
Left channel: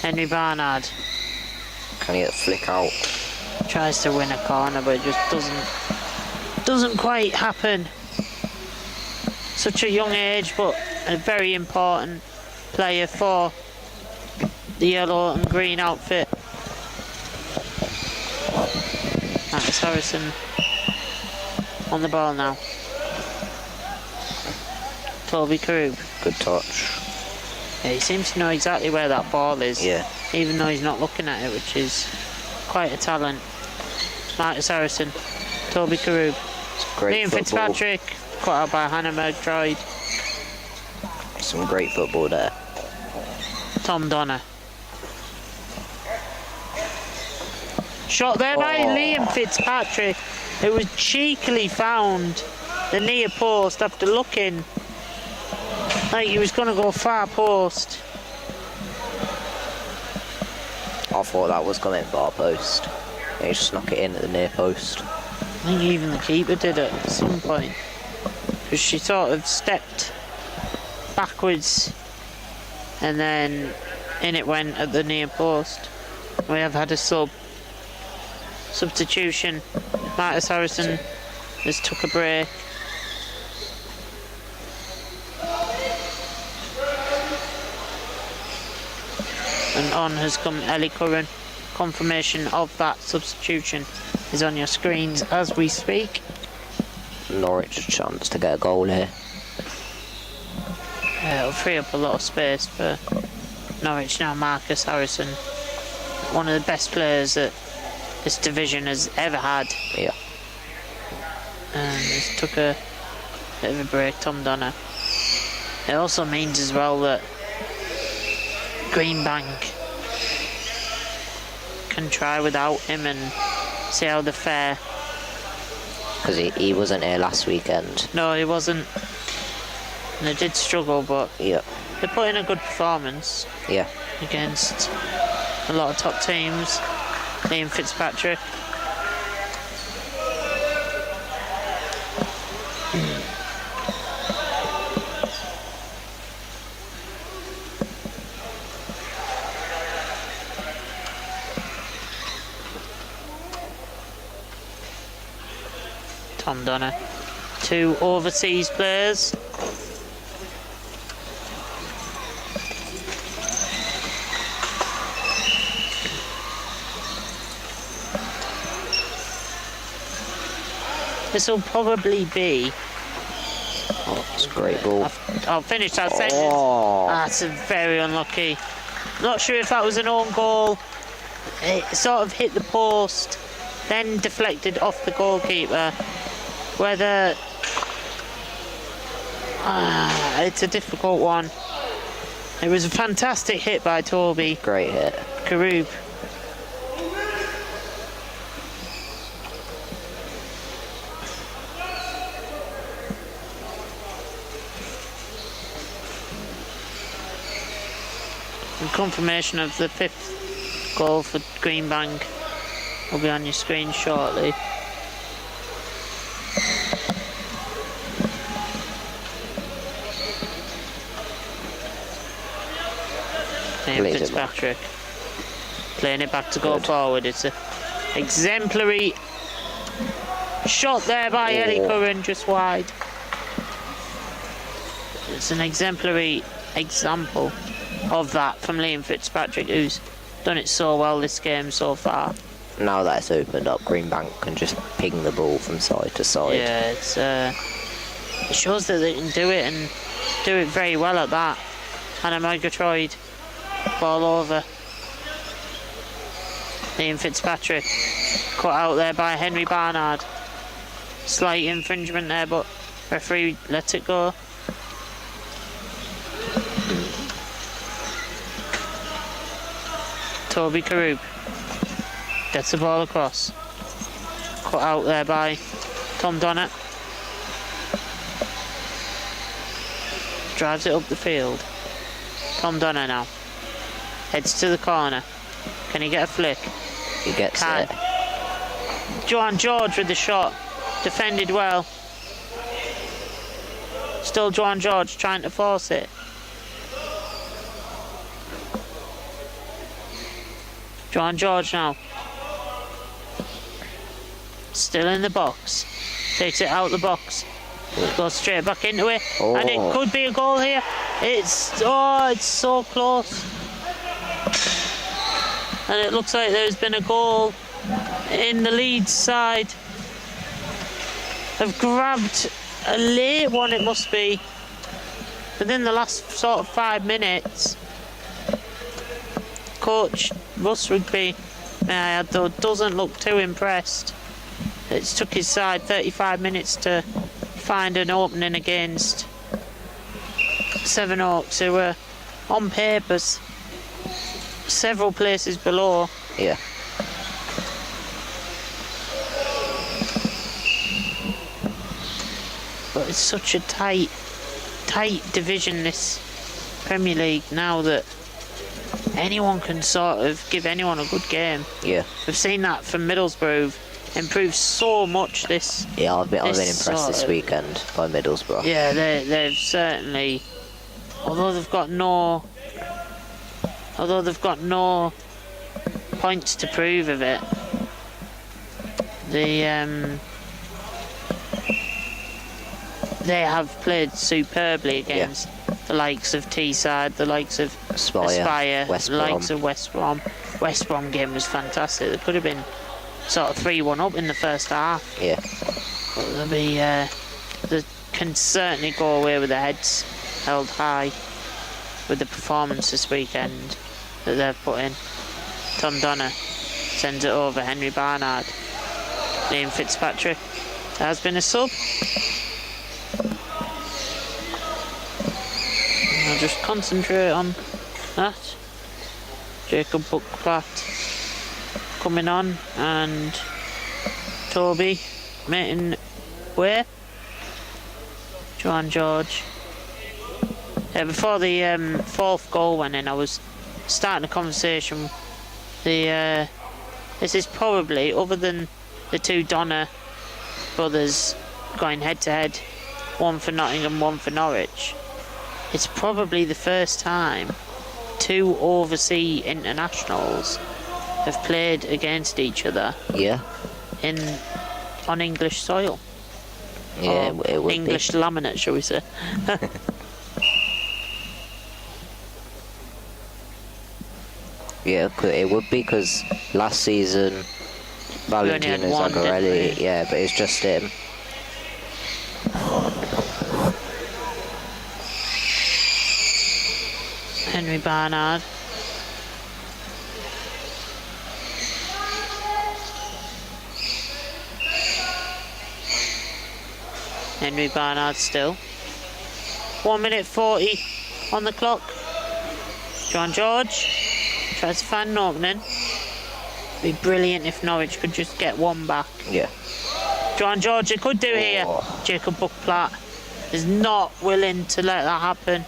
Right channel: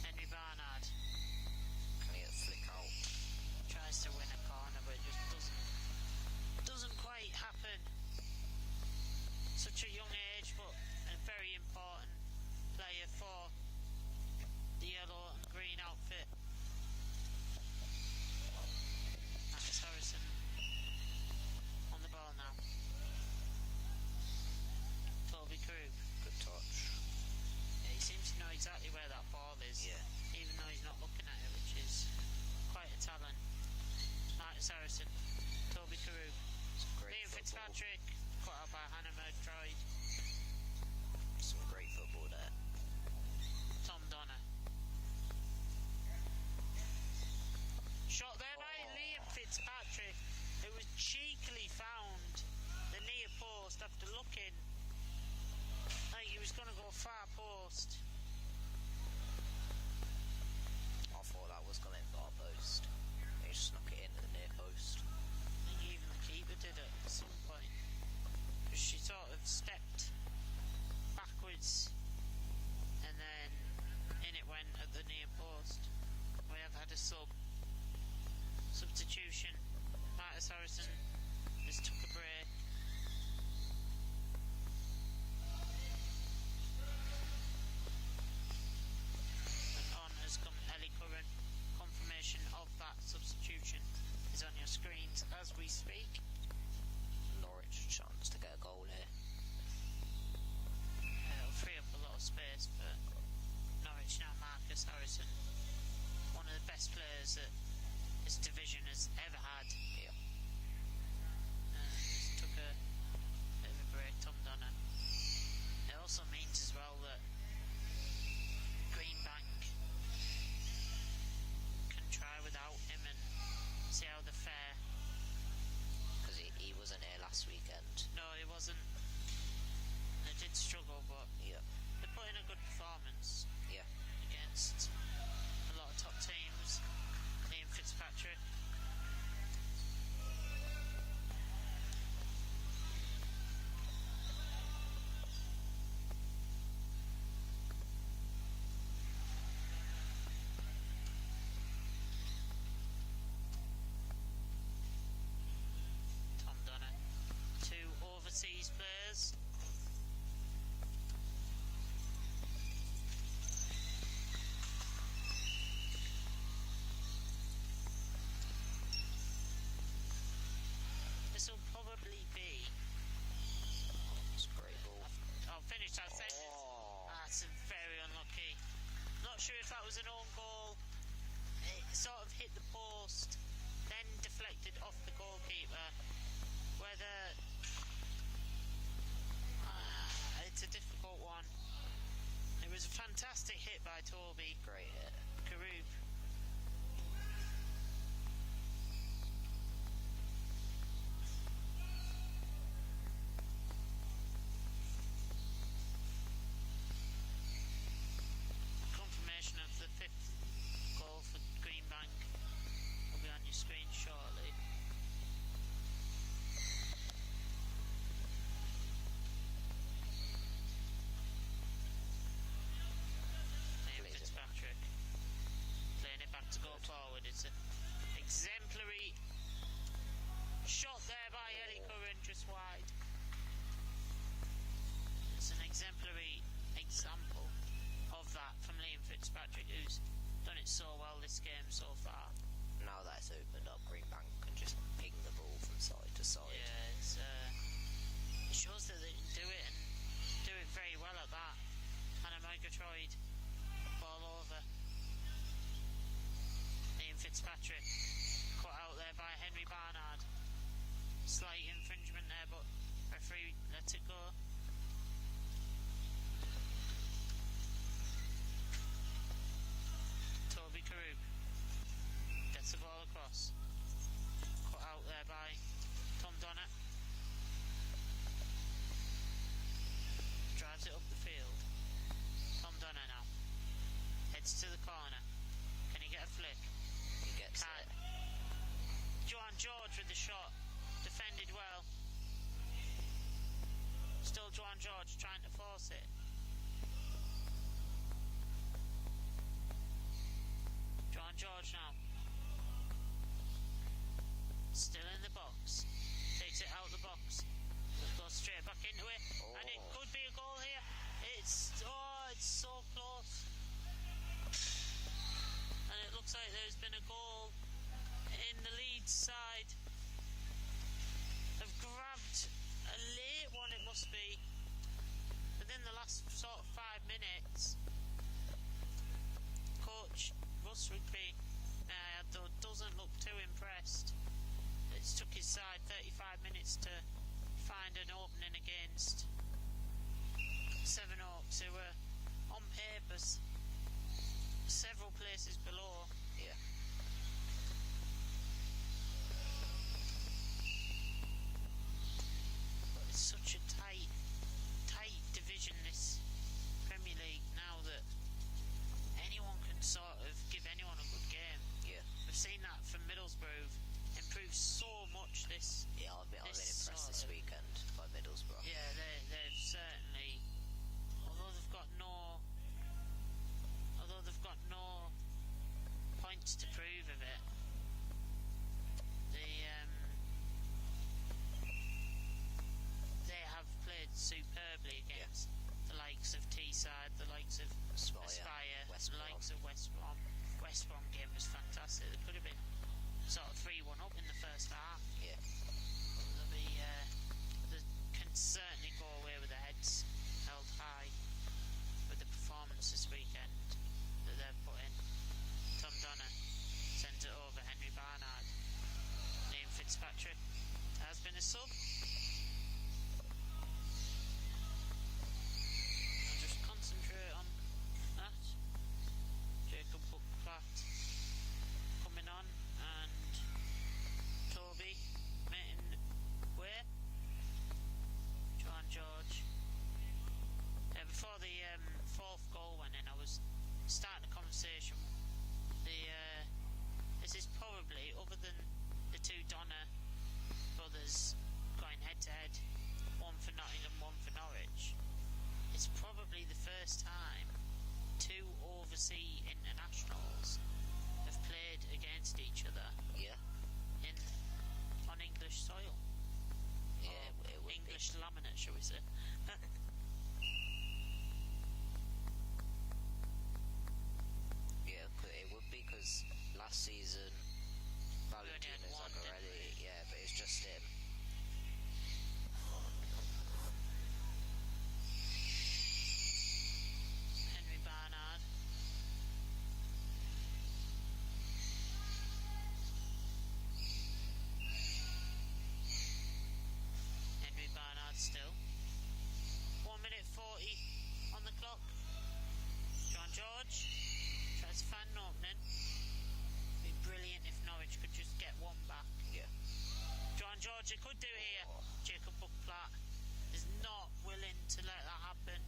Henry Barnard Can he get a flick out? tries to win a corner, but it just doesn't quite happen. Such a young age, but a very important player for the yellow and green outfit. That's Harrison on the ball now. Toby Karub. Good touch. Yeah, he seems to know exactly where that ball is. Yeah. Even though he's not looking at it, which is quite a talent. Marcus Harrison. Toby Karub. Great Liam football. Fitzpatrick. Caught out by Hannah Murgatroyd. Some great football there. Tom Donner. Shot there by Liam Fitzpatrick. It was cheekily found the near post after looking like he was going to go far post. I thought that was coming far post. He just snuck it in at the near post. I think even the keeper did it at some point. Because she sort of stepped backwards and then in it went at the near post. We have had a substitution. Marcus Harrison has took a break. And on has come Ellie Curran. Confirmation of that substitution is on your screens as we speak. Norwich a chance to get a goal here. It'll free up a lot of space for Norwich now. Marcus Harrison, one of the best players that this division has ever had. Yeah. And he's took a bit of a break, Tom Donner. It also means as well that Greenbank can try without him and see how they fare. Because he wasn't here last weekend. No, he wasn't. And they did struggle, but Yeah. they put in a good performance Yeah. against a lot of top teams. Liam Fitzpatrick. Tom Donner. 2 overseas players. This will probably be... Oh, that's a great ball. I'll finish that sentence. Oh. That's very unlucky. Not sure if that was an own goal. It sort of hit the post, then deflected off the goalkeeper. Whether... it's a difficult one. It was a fantastic hit by Toby Great hit. Karub. And confirmation of the 5th goal for Greenbank will be on your screen shortly. Liam Fitzpatrick playing it back to go forward. It's an exemplary shot there by Ellie Curran, just wide. It's an exemplary example of that from Liam Fitzpatrick, who's done it so well this game so far. Now that it's opened up, Greenbank can just ping the ball from side to side. Yeah, it shows that they can do it, and do it very well at that. Hannah Murgatroyd, ball over. Liam Fitzpatrick, cut out there by Henry Barnard. Slight infringement there, but referee lets it go. Toby Karub gets the ball across. Cut out there by Tom Donner. Drives it up the field. Tom Donner now. Heads to the corner. Can he get a flick? He gets it. Joanne George with the shot. Defended well. Still Joanne George trying to force it. Joanne George now. Still in the box. Takes it out the box. Goes straight back into it. Oh. And it could be a goal here. It's so close. And it looks like there's been a goal in the Leeds side. Have grabbed a late one, it must be, within the last sort of 5 minutes. Coach Russ Rigby, though, doesn't look too impressed. It's took his side 35 minutes to find an opening against Sevenoaks, who were on papers several places below. Yeah. But it's such a tight division, this Premier League, now that anyone can sort of give anyone a good game. Yeah. We've seen that from Middlesbrough improve so much this. Yeah, I've been impressed this weekend by Middlesbrough. Yeah, they've certainly, although they've got no points to prove of it, they have played superbly against the likes of Teesside, the likes of Aspire, the likes of West Brom. West Brom game was fantastic. They could have been sort of 3-1 up in the first half. Yeah. But they'll be, they can certainly go away with their heads held high with the performance this weekend that they've put in. Tom Donner sends it over. Henry Barnard. Liam Fitzpatrick has been a sub. I'll just concentrate on that. Jacob Buckplatt coming on, and Toby making way. Joanne George. Before the 4th goal went in, I was starting a conversation. This is probably, other than the 2 Donner brothers going head to head, one for Nottingham, one for Norwich, it's probably the first time 2 overseas internationals have played against each other. Yeah. On English soil. Yeah, it would English laminate, shall we say? Yeah, it would be, because last season Valentino Zagarelli, yeah, but it's just him. Henry Barnard. Henry Barnard still. 1 minute 40 on the clock. John George tries to find an opening. It'd be brilliant if Norwich could just get one back. Yeah. John George, they could do it here. Jacob Buckplatt is not willing to let that happen.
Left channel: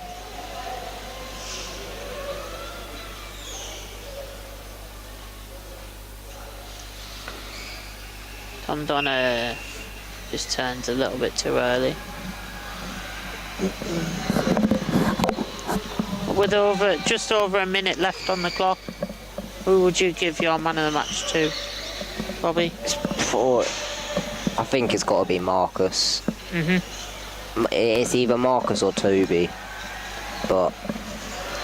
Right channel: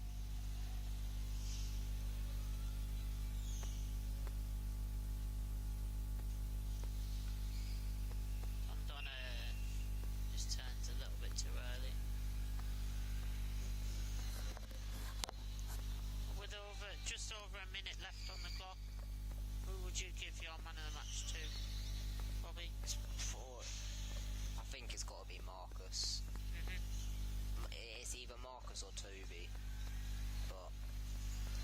Tom Donna just turns a little bit too early. With just over a minute left on the clock, who would you give your man of the match to, Bobby? I think it's got to be Marcus. It's either Marcus or Toby, but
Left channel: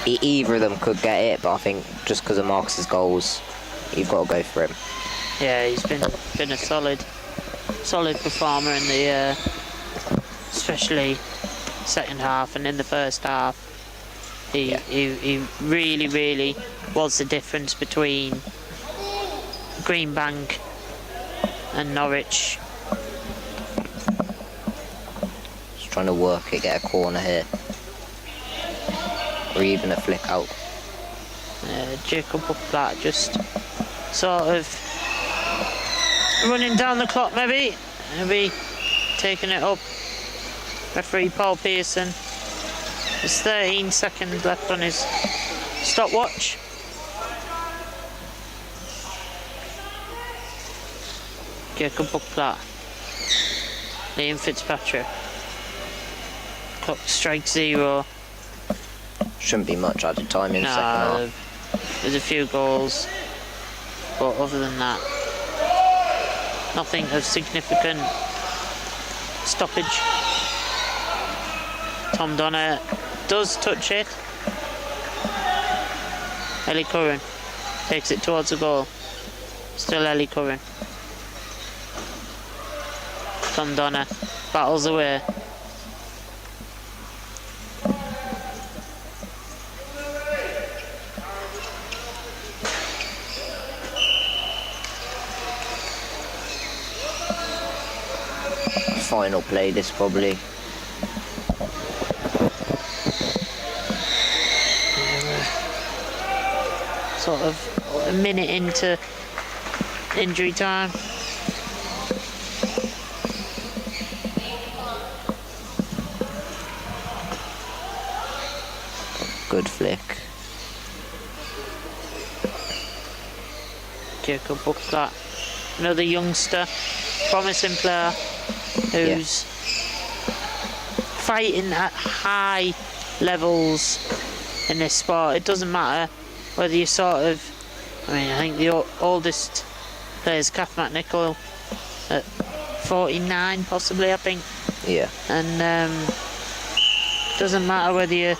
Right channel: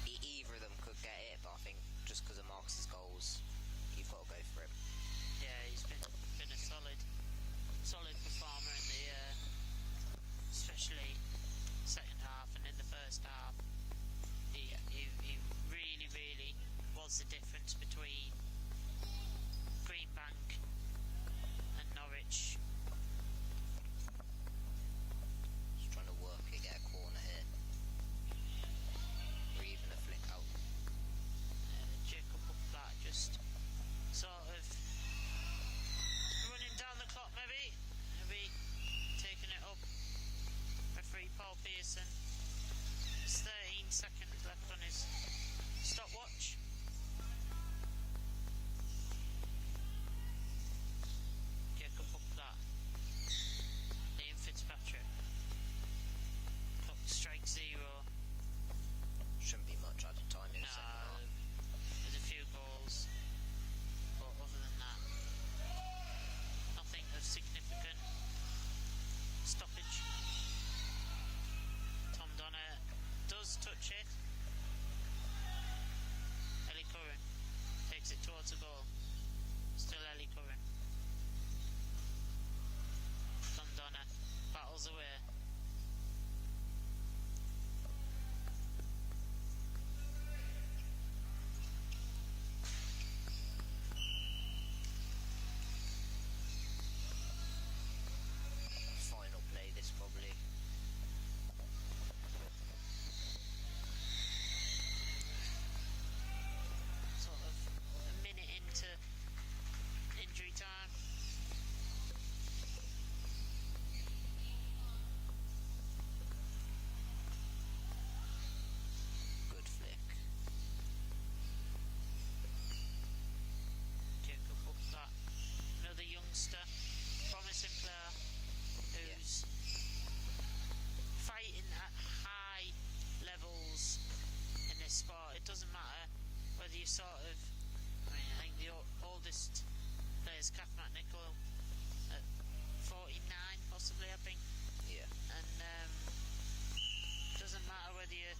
either of them could get it. But I think just because of Marcus's goals, you've got to go for him. Yeah, he's been a solid performer in the especially second half, and in the first half he really was the difference between Greenbank and Norwich. Just trying to work it, get a corner here, or even a flick out. Jacob Buckplatt just sort of running down the clock, maybe taking it up. Referee Paul Pearson. There's 13 seconds left on his stopwatch. Jacob Buckplatt. Liam Fitzpatrick. Clock strikes 0. Shouldn't be much added time in the second half. There's a few goals, but other than that, nothing of significant stoppage. Tom Donna does touch it. Ellie Curran takes it towards the goal. Still Ellie Curran. Tom Donna battles away. Final play, this probably. Sort of a minute into injury time. Good flick. Jacob Buckplatt, another youngster, promising player who's fighting at high levels in this sport. It doesn't matter whether you sort of, I think the oldest player is Kath McNichol at 49 possibly, I think. Yeah. And doesn't matter whether you're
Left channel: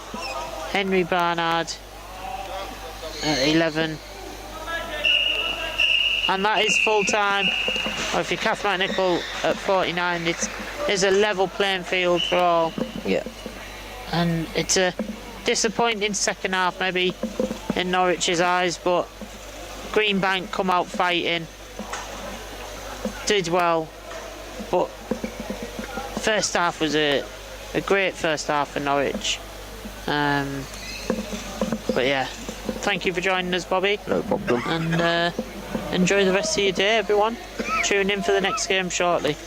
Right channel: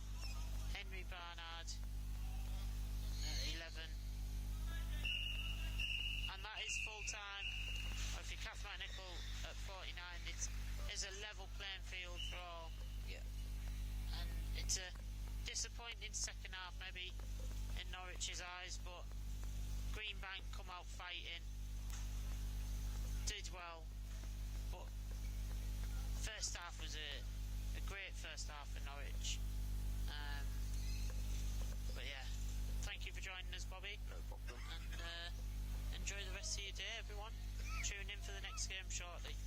Henry Barnard at 11, and that is full time, or if you're Kath McNichol at 49, it's a level playing field for all. Yeah. And it's a disappointing second half maybe in Norwich's eyes, but Greenbank come out fighting, did well, but first half was a great first half for Norwich. But yeah, thank you for joining us, Bobby. No problem. And enjoy the rest of your day, everyone. Tune in for the next game shortly.